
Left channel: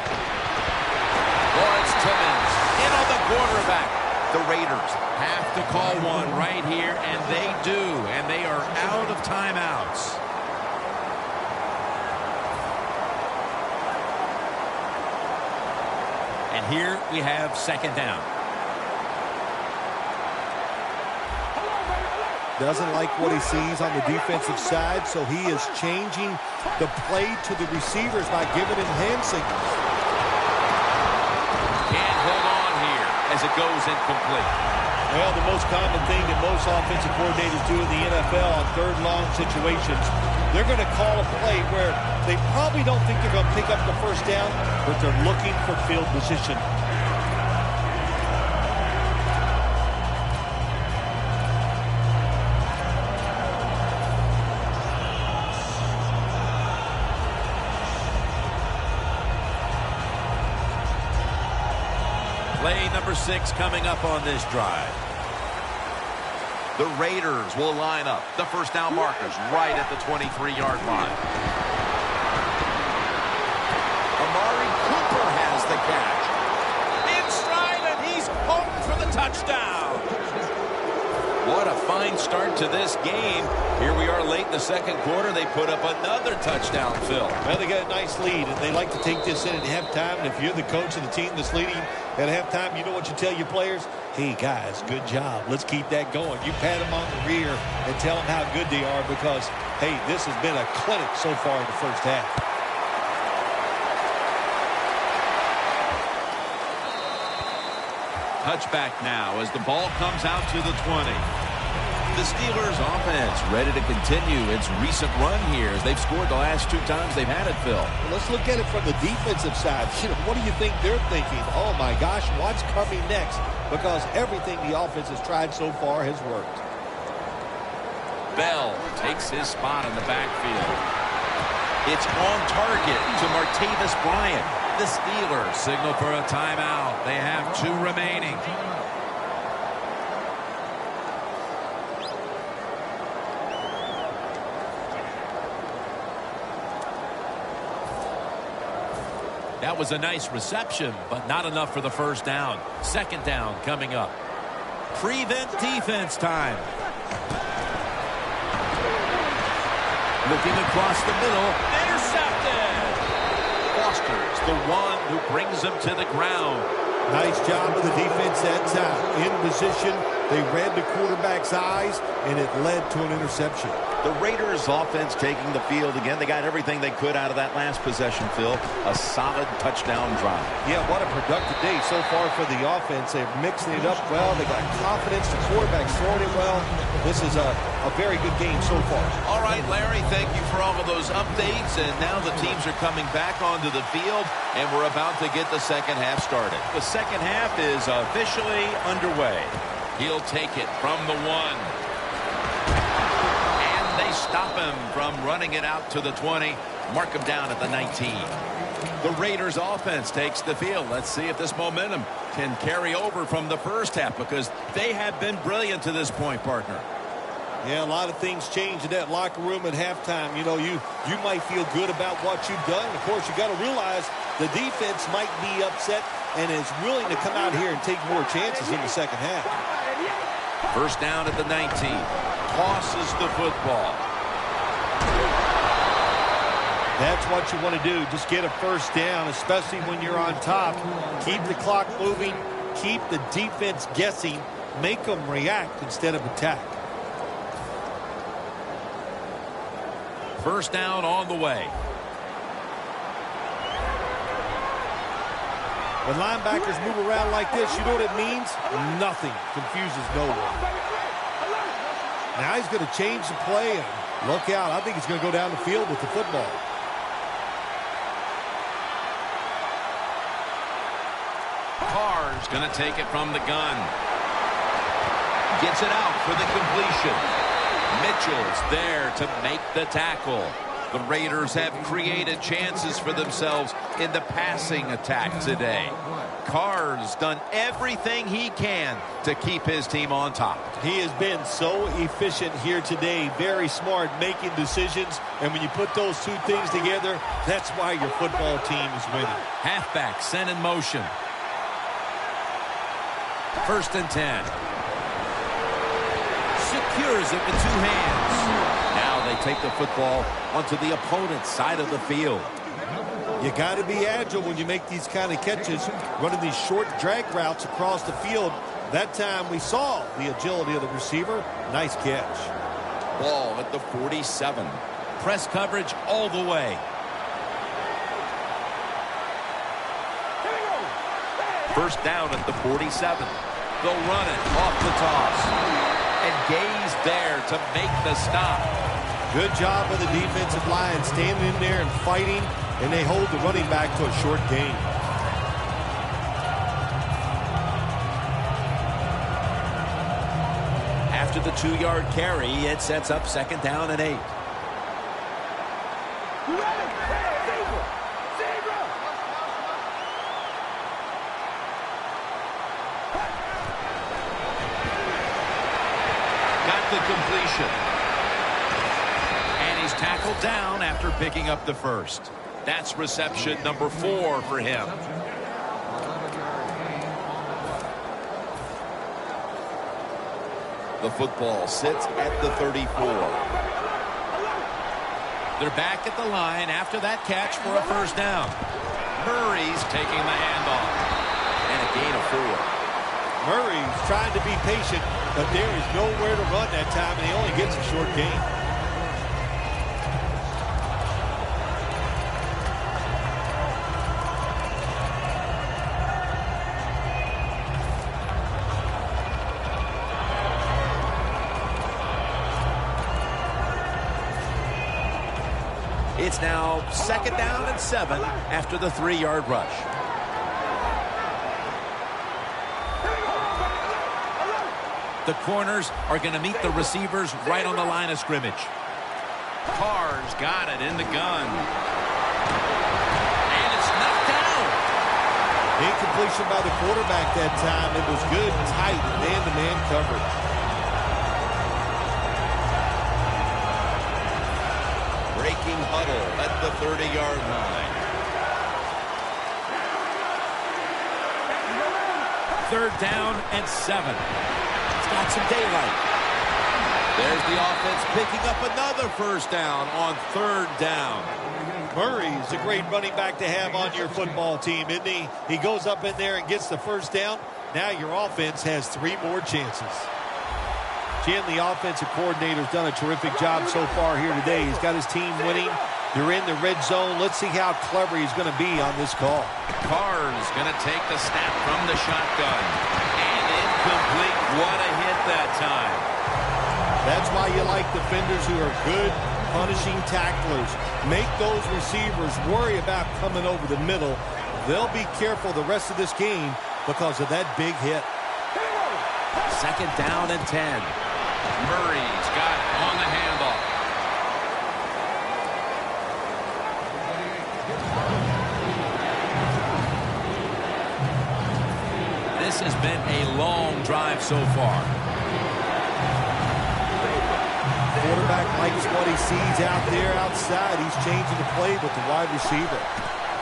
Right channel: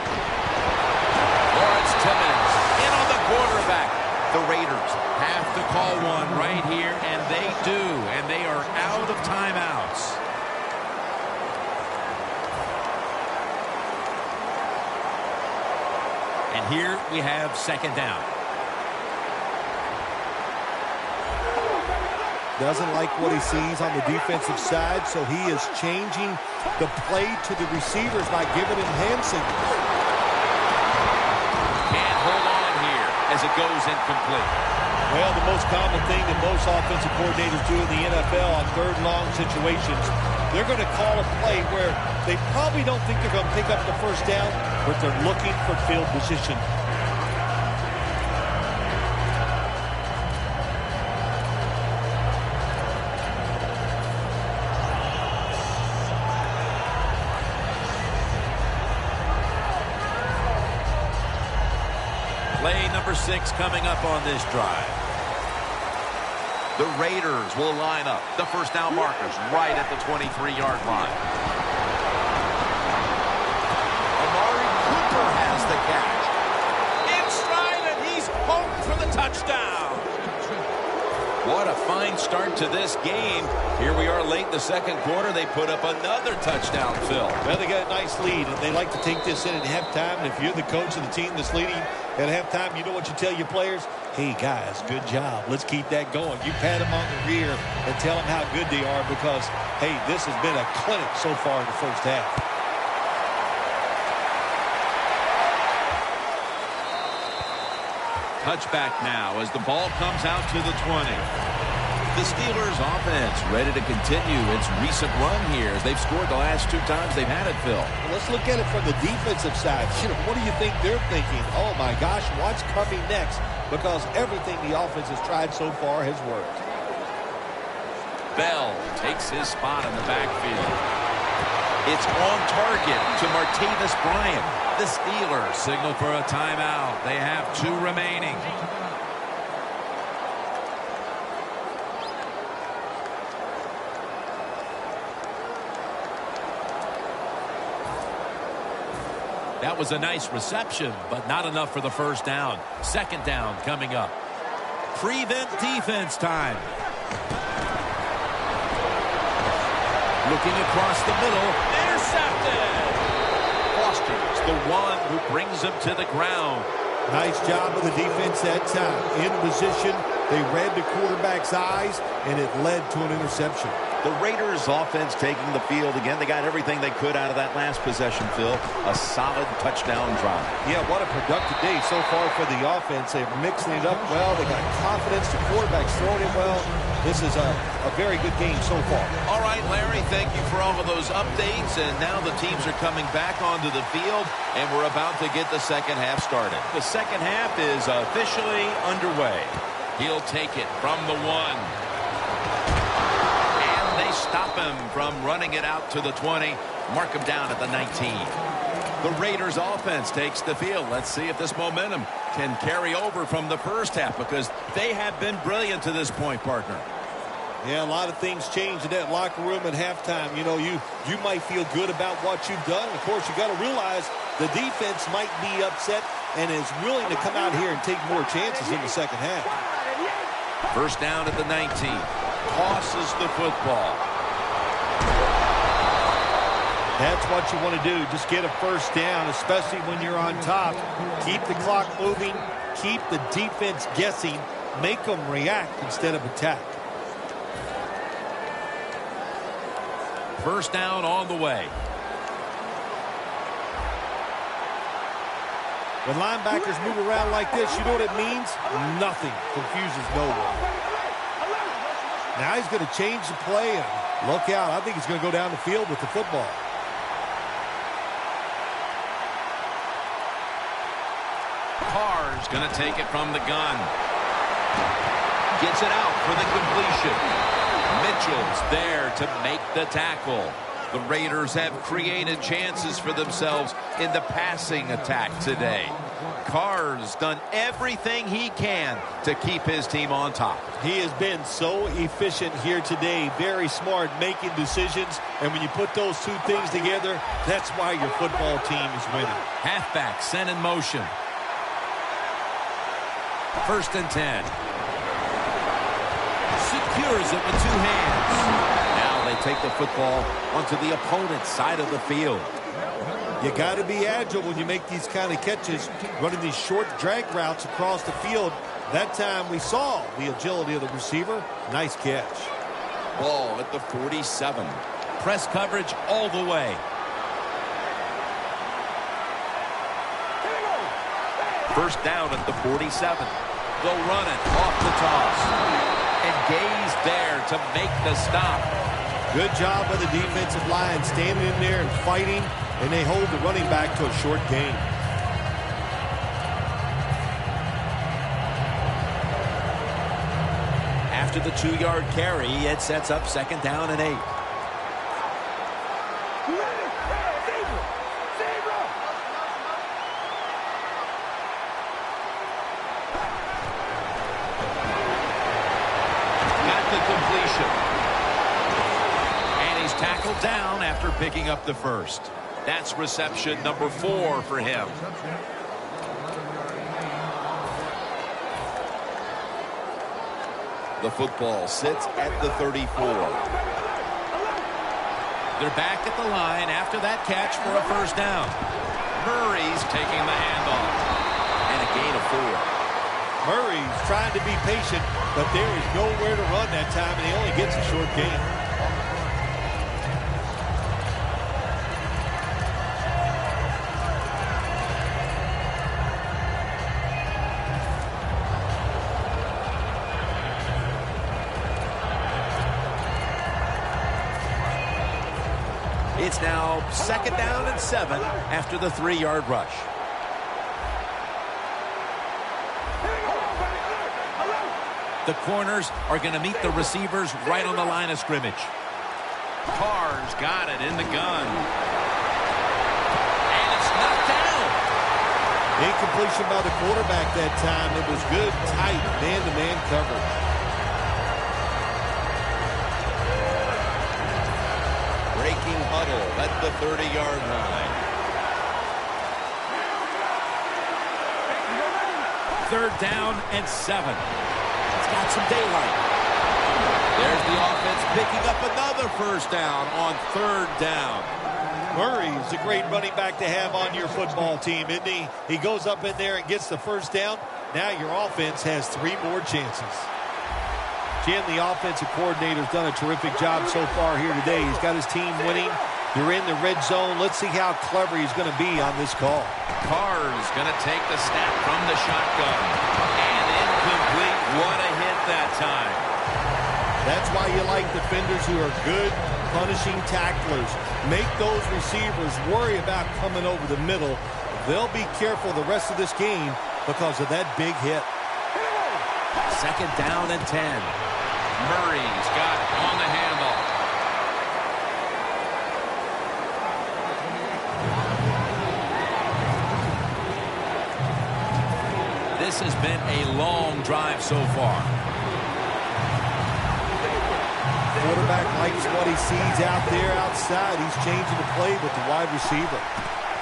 Lawrence Timmons in on the quarterback. The Raiders have to call one right here, and they do, and they are out of timeouts. And here we have 2nd down. Doesn't like what he sees on the defensive side, so he is changing the play to the receivers by giving him hand signals. Can't hold on here as it goes incomplete. Well, the most common thing that most offensive coordinators do in the NFL on 3rd and long situations, they're going to call a play where they probably don't think they're going to pick up the first down, but they're looking for field position. Play number 6 coming up on this drive. The Raiders will line up. The first down markers right at the 23-yard line. Amari Cooper has the catch. In stride, and he's home for the touchdown. What a fine start to this game. Here we are late in the second quarter. They put up another touchdown, Phil. Well, they got a nice lead, and they like to take this in at halftime. And if you're the coach of the team that's leading at halftime, you know what you tell your players? Hey, guys, good job. Let's keep that going. You pat them on the rear and tell them how good they are because, hey, this has been a clinic so far in the first half. Touchback now as the ball comes out to the 20. The Steelers offense ready to continue its recent run here as they've scored the last 2 times they've had it, Phil. Well, let's look at it from the defensive side. What do you think they're thinking? Oh, my gosh, what's coming next? Because everything the offense has tried so far has worked. Bell takes his spot in the backfield. It's on target to Martavis Bryant. The Steelers signal for a timeout. They have 2 remaining. That was a nice reception, but not enough for the first down. Second down coming up. Prevent defense time. Looking across the middle. Intercepted. Foster's the one who brings him to the ground. Nice job of the defense that time. In position, they read the quarterback's eyes, and it led to an interception. The Raiders offense taking the field again. They got everything they could out of that last possession, Phil. A solid touchdown drive. Yeah, what a productive day so far for the offense. They're mixing it up well. They got confidence. The quarterback's throwing it well. This is a very good game so far. All right, Larry, thank you for all of those updates. And now the teams are coming back onto the field, and we're about to get the second half started. The second half is officially underway. He'll take it from the 1. They stop him from running it out to the 20. Mark him down at the 19. The Raiders offense takes the field. Let's see if this momentum can carry over from the first half because they have been brilliant to this point, partner. Yeah, a lot of things change in that locker room at halftime. You know, you might feel good about what you've done. Of course, you got to realize the defense might be upset and is willing to come out here and take more chances in the second half. First down at the 19. Tosses the football. That's what you want to do. Just get a first down, especially when you're on top. Keep the clock moving. Keep the defense guessing. Make them react instead of attack. First down on the way. When linebackers move around like this, you know what it means? Nothing. Confuses no one. Now he's going to change the play, and look out. I think he's going to go down the field with the football. Carr's going to take it from the gun. Gets it out for the completion. Mitchell's there to make the tackle. The Raiders have created chances for themselves in the passing attack today. Carr's done everything he can to keep his team on top. He has been so efficient here today. Very smart making decisions. And when you put those 2 things together, that's why your football team is winning. Halfback sent in motion. First and 10. Secures it with 2 hands. Now they take the football onto the opponent's side of the field. You got to be agile when you make these kind of catches, running these short drag routes across the field. That time we saw the agility of the receiver. Nice catch. Ball at the 47. Press coverage all the way. First down at the 47. They'll run it off the toss. And Gay's there to make the stop. Good job of the defensive line standing in there and fighting, and they hold the running back to a short gain. After the 2-yard carry, it sets up second down and 8. Got the completion. And he's tackled down after picking up the first. That's reception number 4 for him. The football sits at the 34. They're back at the line after that catch for a first down. Murray's taking the handoff. And a gain of 4. Murray's trying to be patient, but there is nowhere to run that time, and he only gets a short gain. It's now 2nd down and 7 after the 3-yard rush. The corners are going to meet the receivers right on the line of scrimmage. Carr's got it in the gun. And it's knocked down. Incompletion by the quarterback that time. It was good, tight, man-to-man coverage. Breaking huddle at the 30-yard line. 3rd down and 7. It's got some daylight. There's the offense picking up another first down on 3rd down. Murray's a great running back to have on your football team, isn't he? He goes up in there and gets the first down. Now your offense has 3 more chances. Jim, the offensive coordinator's done a terrific job so far here today. He's got his team winning. They're in the red zone. Let's see how clever he's going to be on this call. Carr's going to take the snap from the shotgun. And incomplete. What a hit that time. That's why you like defenders who are good punishing tacklers. Make those receivers worry about coming over the middle. They'll be careful the rest of this game because of that big hit. 2nd down and 10. Murray's got it on the handoff. This has been a long drive so far. Quarterback likes what he sees out there outside. He's changing the play with the wide receiver.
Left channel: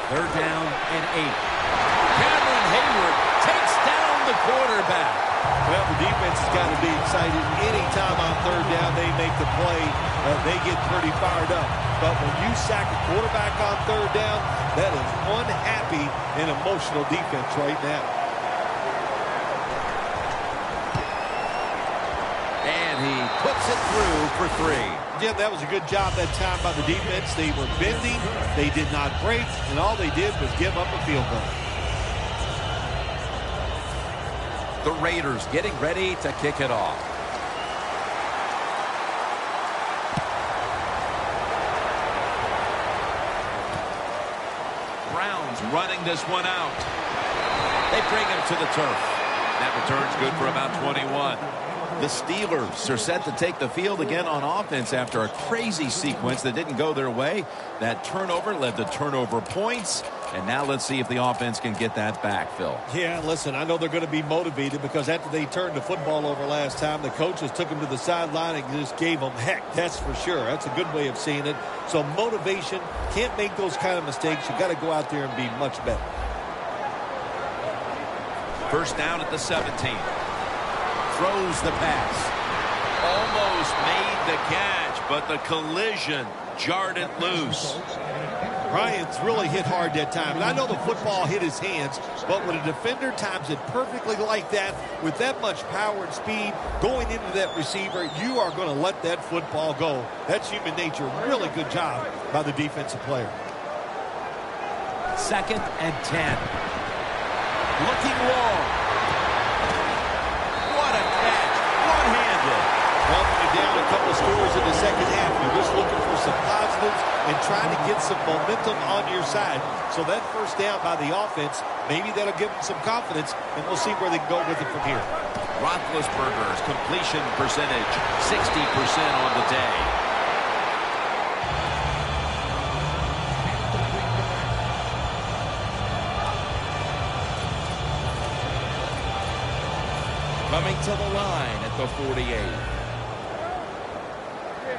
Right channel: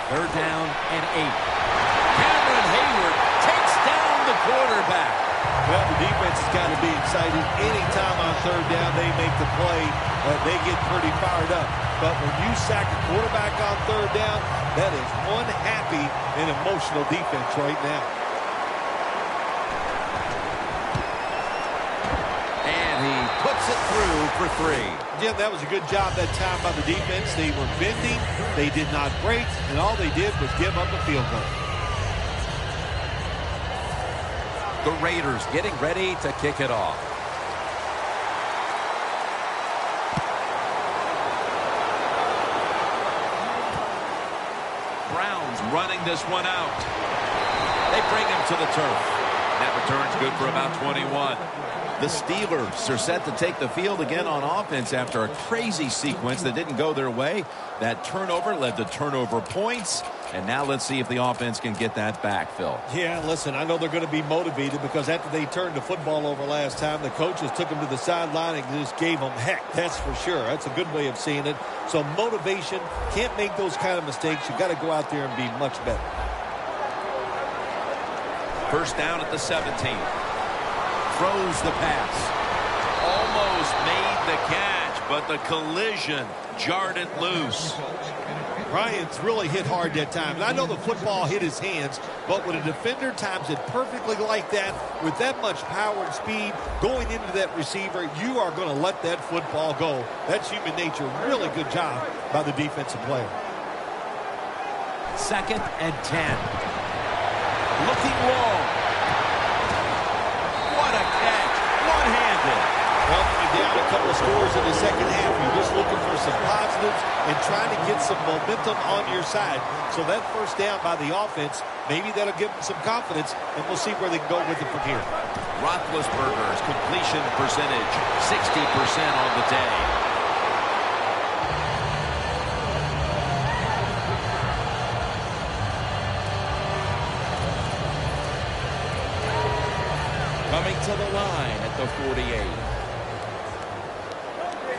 3rd down and 8. Cameron Hayward takes down the quarterback. Well, the defense has got to be excited. Anytime on 3rd down they make the play, they get pretty fired up. But when you sack a quarterback on 3rd down, that is one happy and emotional defense right now. And he puts it through for 3. Jim, that was a good job that time by the defense. They were bending, they did not break, and all they did was give up a field goal. The Raiders getting ready to kick it off. Browns running this one out. They bring him to the turf. That return's good for about 21. The Steelers are set to take the field again on offense after a crazy sequence that didn't go their way. That turnover led to turnover points. And now let's see if the offense can get that back, Phil. Yeah, listen, I know they're going to be motivated because after they turned the football over last time, the coaches took them to the sideline and just gave them heck. That's for sure. That's a good way of seeing it. So motivation, can't make those kind of mistakes. You got to go out there and be much better. 1st down at the 17. Throws the pass. Almost made the catch, but the collision jarred it loose. Bryant's really hit hard that time. And I know the football hit his hands, but when a defender times it perfectly like that, with that much power and speed going into that receiver, you are going to let that football go. That's human nature. Really good job by the defensive player. 2nd and 10. Looking long. What a catch. One-handed. Well, when you're down a couple of scores in the second half, you're just looking for some positives and trying to get some momentum on your side. So that 1st down by the offense, maybe that'll give them some confidence, and we'll see where they can go with it from here. Roethlisberger's completion percentage, 60% on the day. Coming to the line at the 48.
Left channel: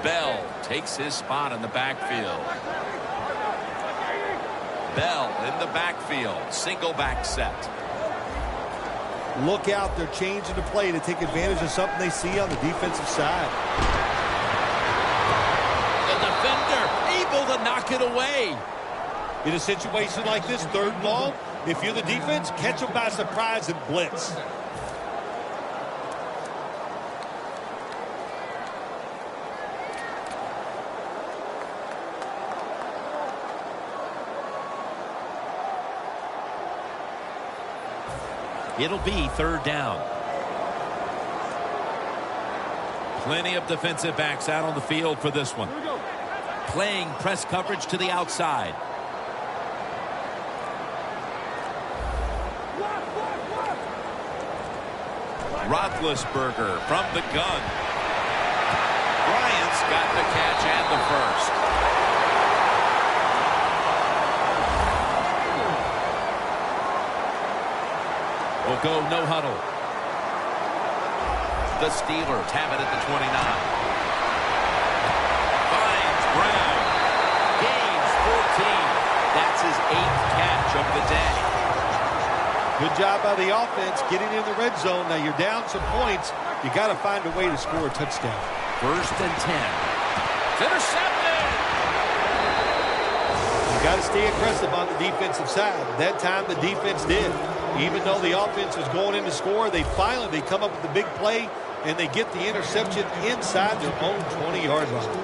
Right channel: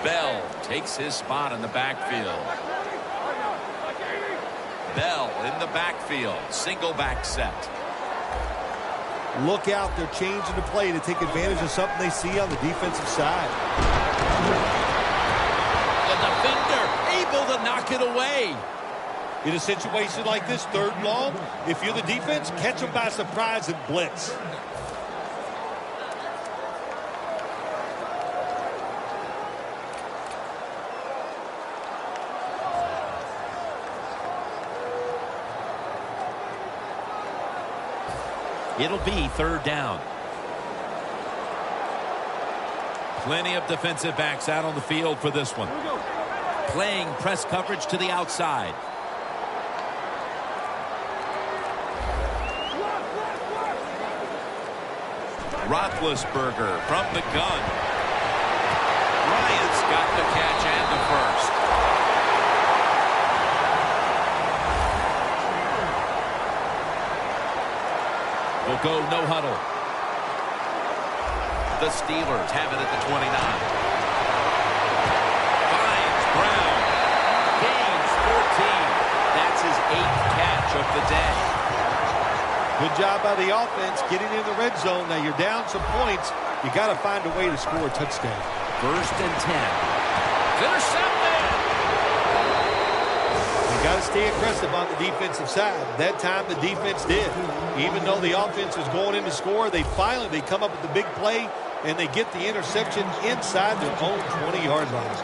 Bell takes his spot in the backfield. Bell in the backfield. Single back set. Look out. They're changing the play to take advantage of something they see on the defensive side. The defender able to knock it away. In a situation like this, 3rd and long, if you're the defense, catch them by surprise and blitz. It'll be 3rd down. Plenty of defensive backs out on the field for this one. Playing press coverage to the outside. Roethlisberger from the gun. Bryant's got the catch and the first. We'll go no huddle. The Steelers have it at the 29. Finds Brown. Gains 14. That's his 8th catch of the day. Good job by the offense getting in the red zone. Now you're down some points. You got to find a way to score a touchdown. 1st and 10. It's intercepted. You got to stay aggressive on the defensive side. That time the defense did. Even though the offense was going in to score, they come up with the big play, and they get the interception inside their own 20-yard line.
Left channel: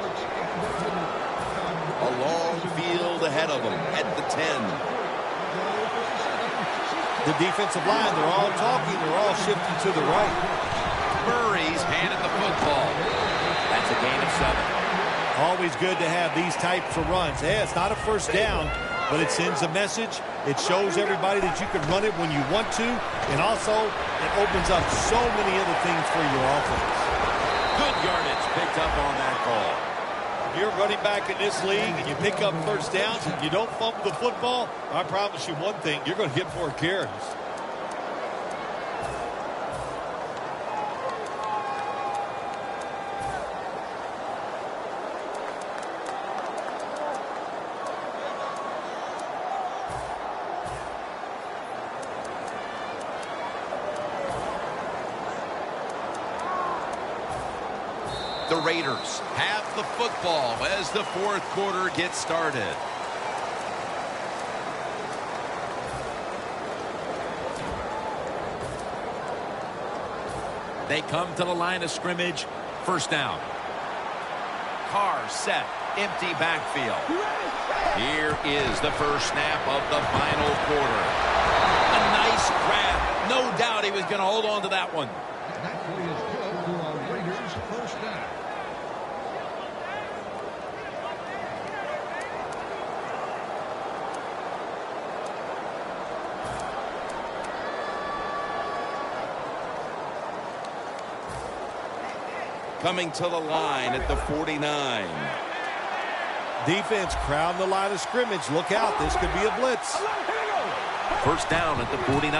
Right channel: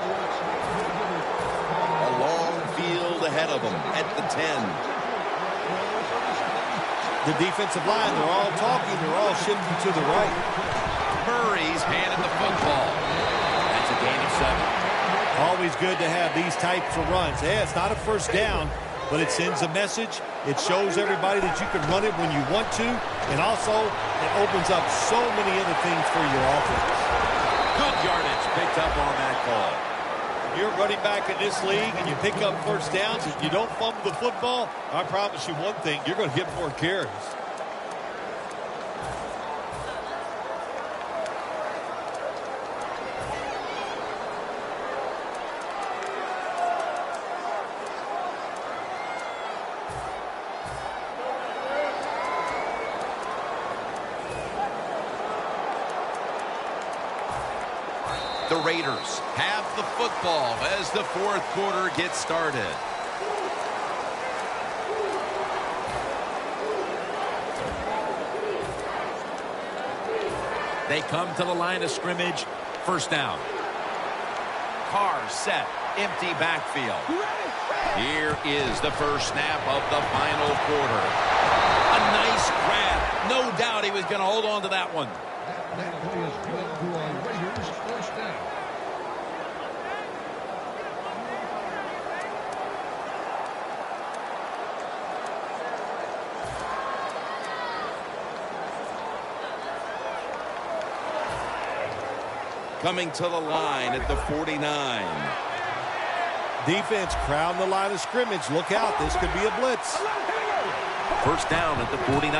A long field ahead of them at the 10. The defensive line, they're all talking. They're all shifting to the right. Murray's handed the football. That's a gain of 7. Always good to have these types of runs. Yeah, it's not a first down, but it sends a message. It shows everybody that you can run it when you want to, and also it opens up so many other things for your offense. Good yardage picked up on that call. If you're running back in this league and you pick up first downs and you don't fumble the football, I promise you one thing, you're going to get more carries. The Raiders have the football as the 4th quarter gets started. They come to the line of scrimmage. 1st down. Carr set. Empty backfield. Here is the first snap of the final quarter. A nice grab. No doubt he was going to hold on to that one. Coming to the line at the 49. Defense crowding the line of scrimmage. Look out. This could be a blitz. 1st down at the 49.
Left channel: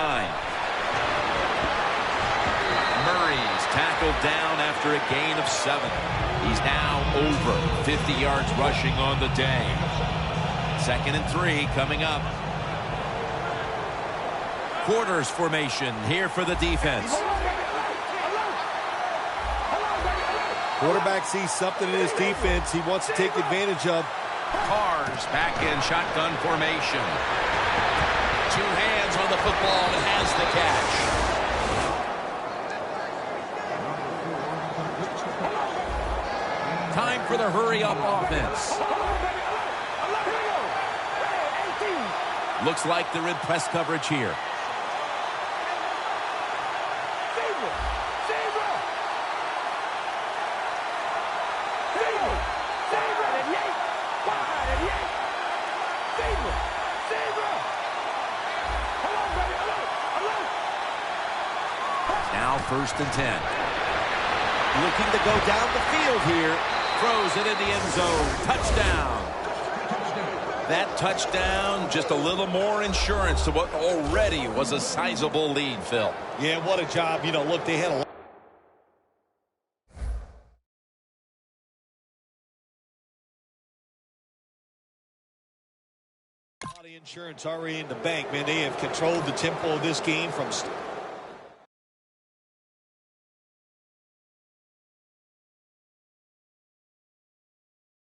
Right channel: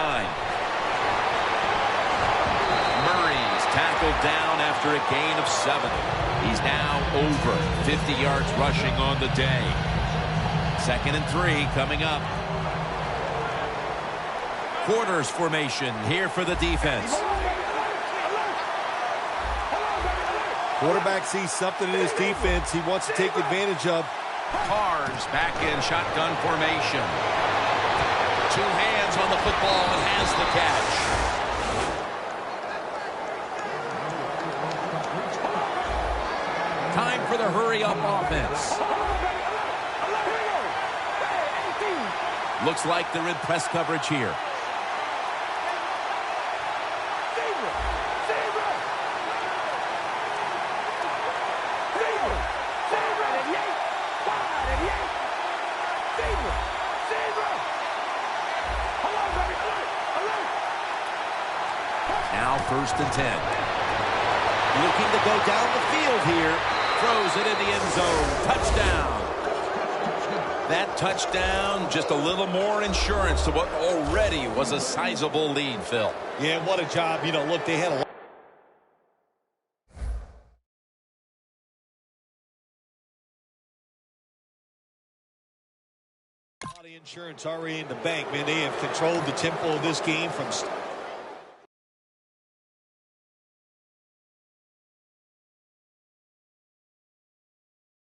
Murray's tackled down after a gain of 7. He's now over 50 yards rushing on the day. 2nd and 3 coming up. Quarters formation here for the defense. Quarterback sees something in his defense he wants to take advantage of. Carr's back in shotgun formation. 2 hands on the football and has the catch. Time for the hurry-up offense. Looks like they're in press coverage here. Now 1st and 10. Looking to go down the field here. Throws it in the end zone. Touchdown. That touchdown, just a little more insurance to what already was a sizable lead, Phil. Yeah, what a job. You know, look, they had a lot Insurance already in the bank, man. They have controlled the tempo of this game from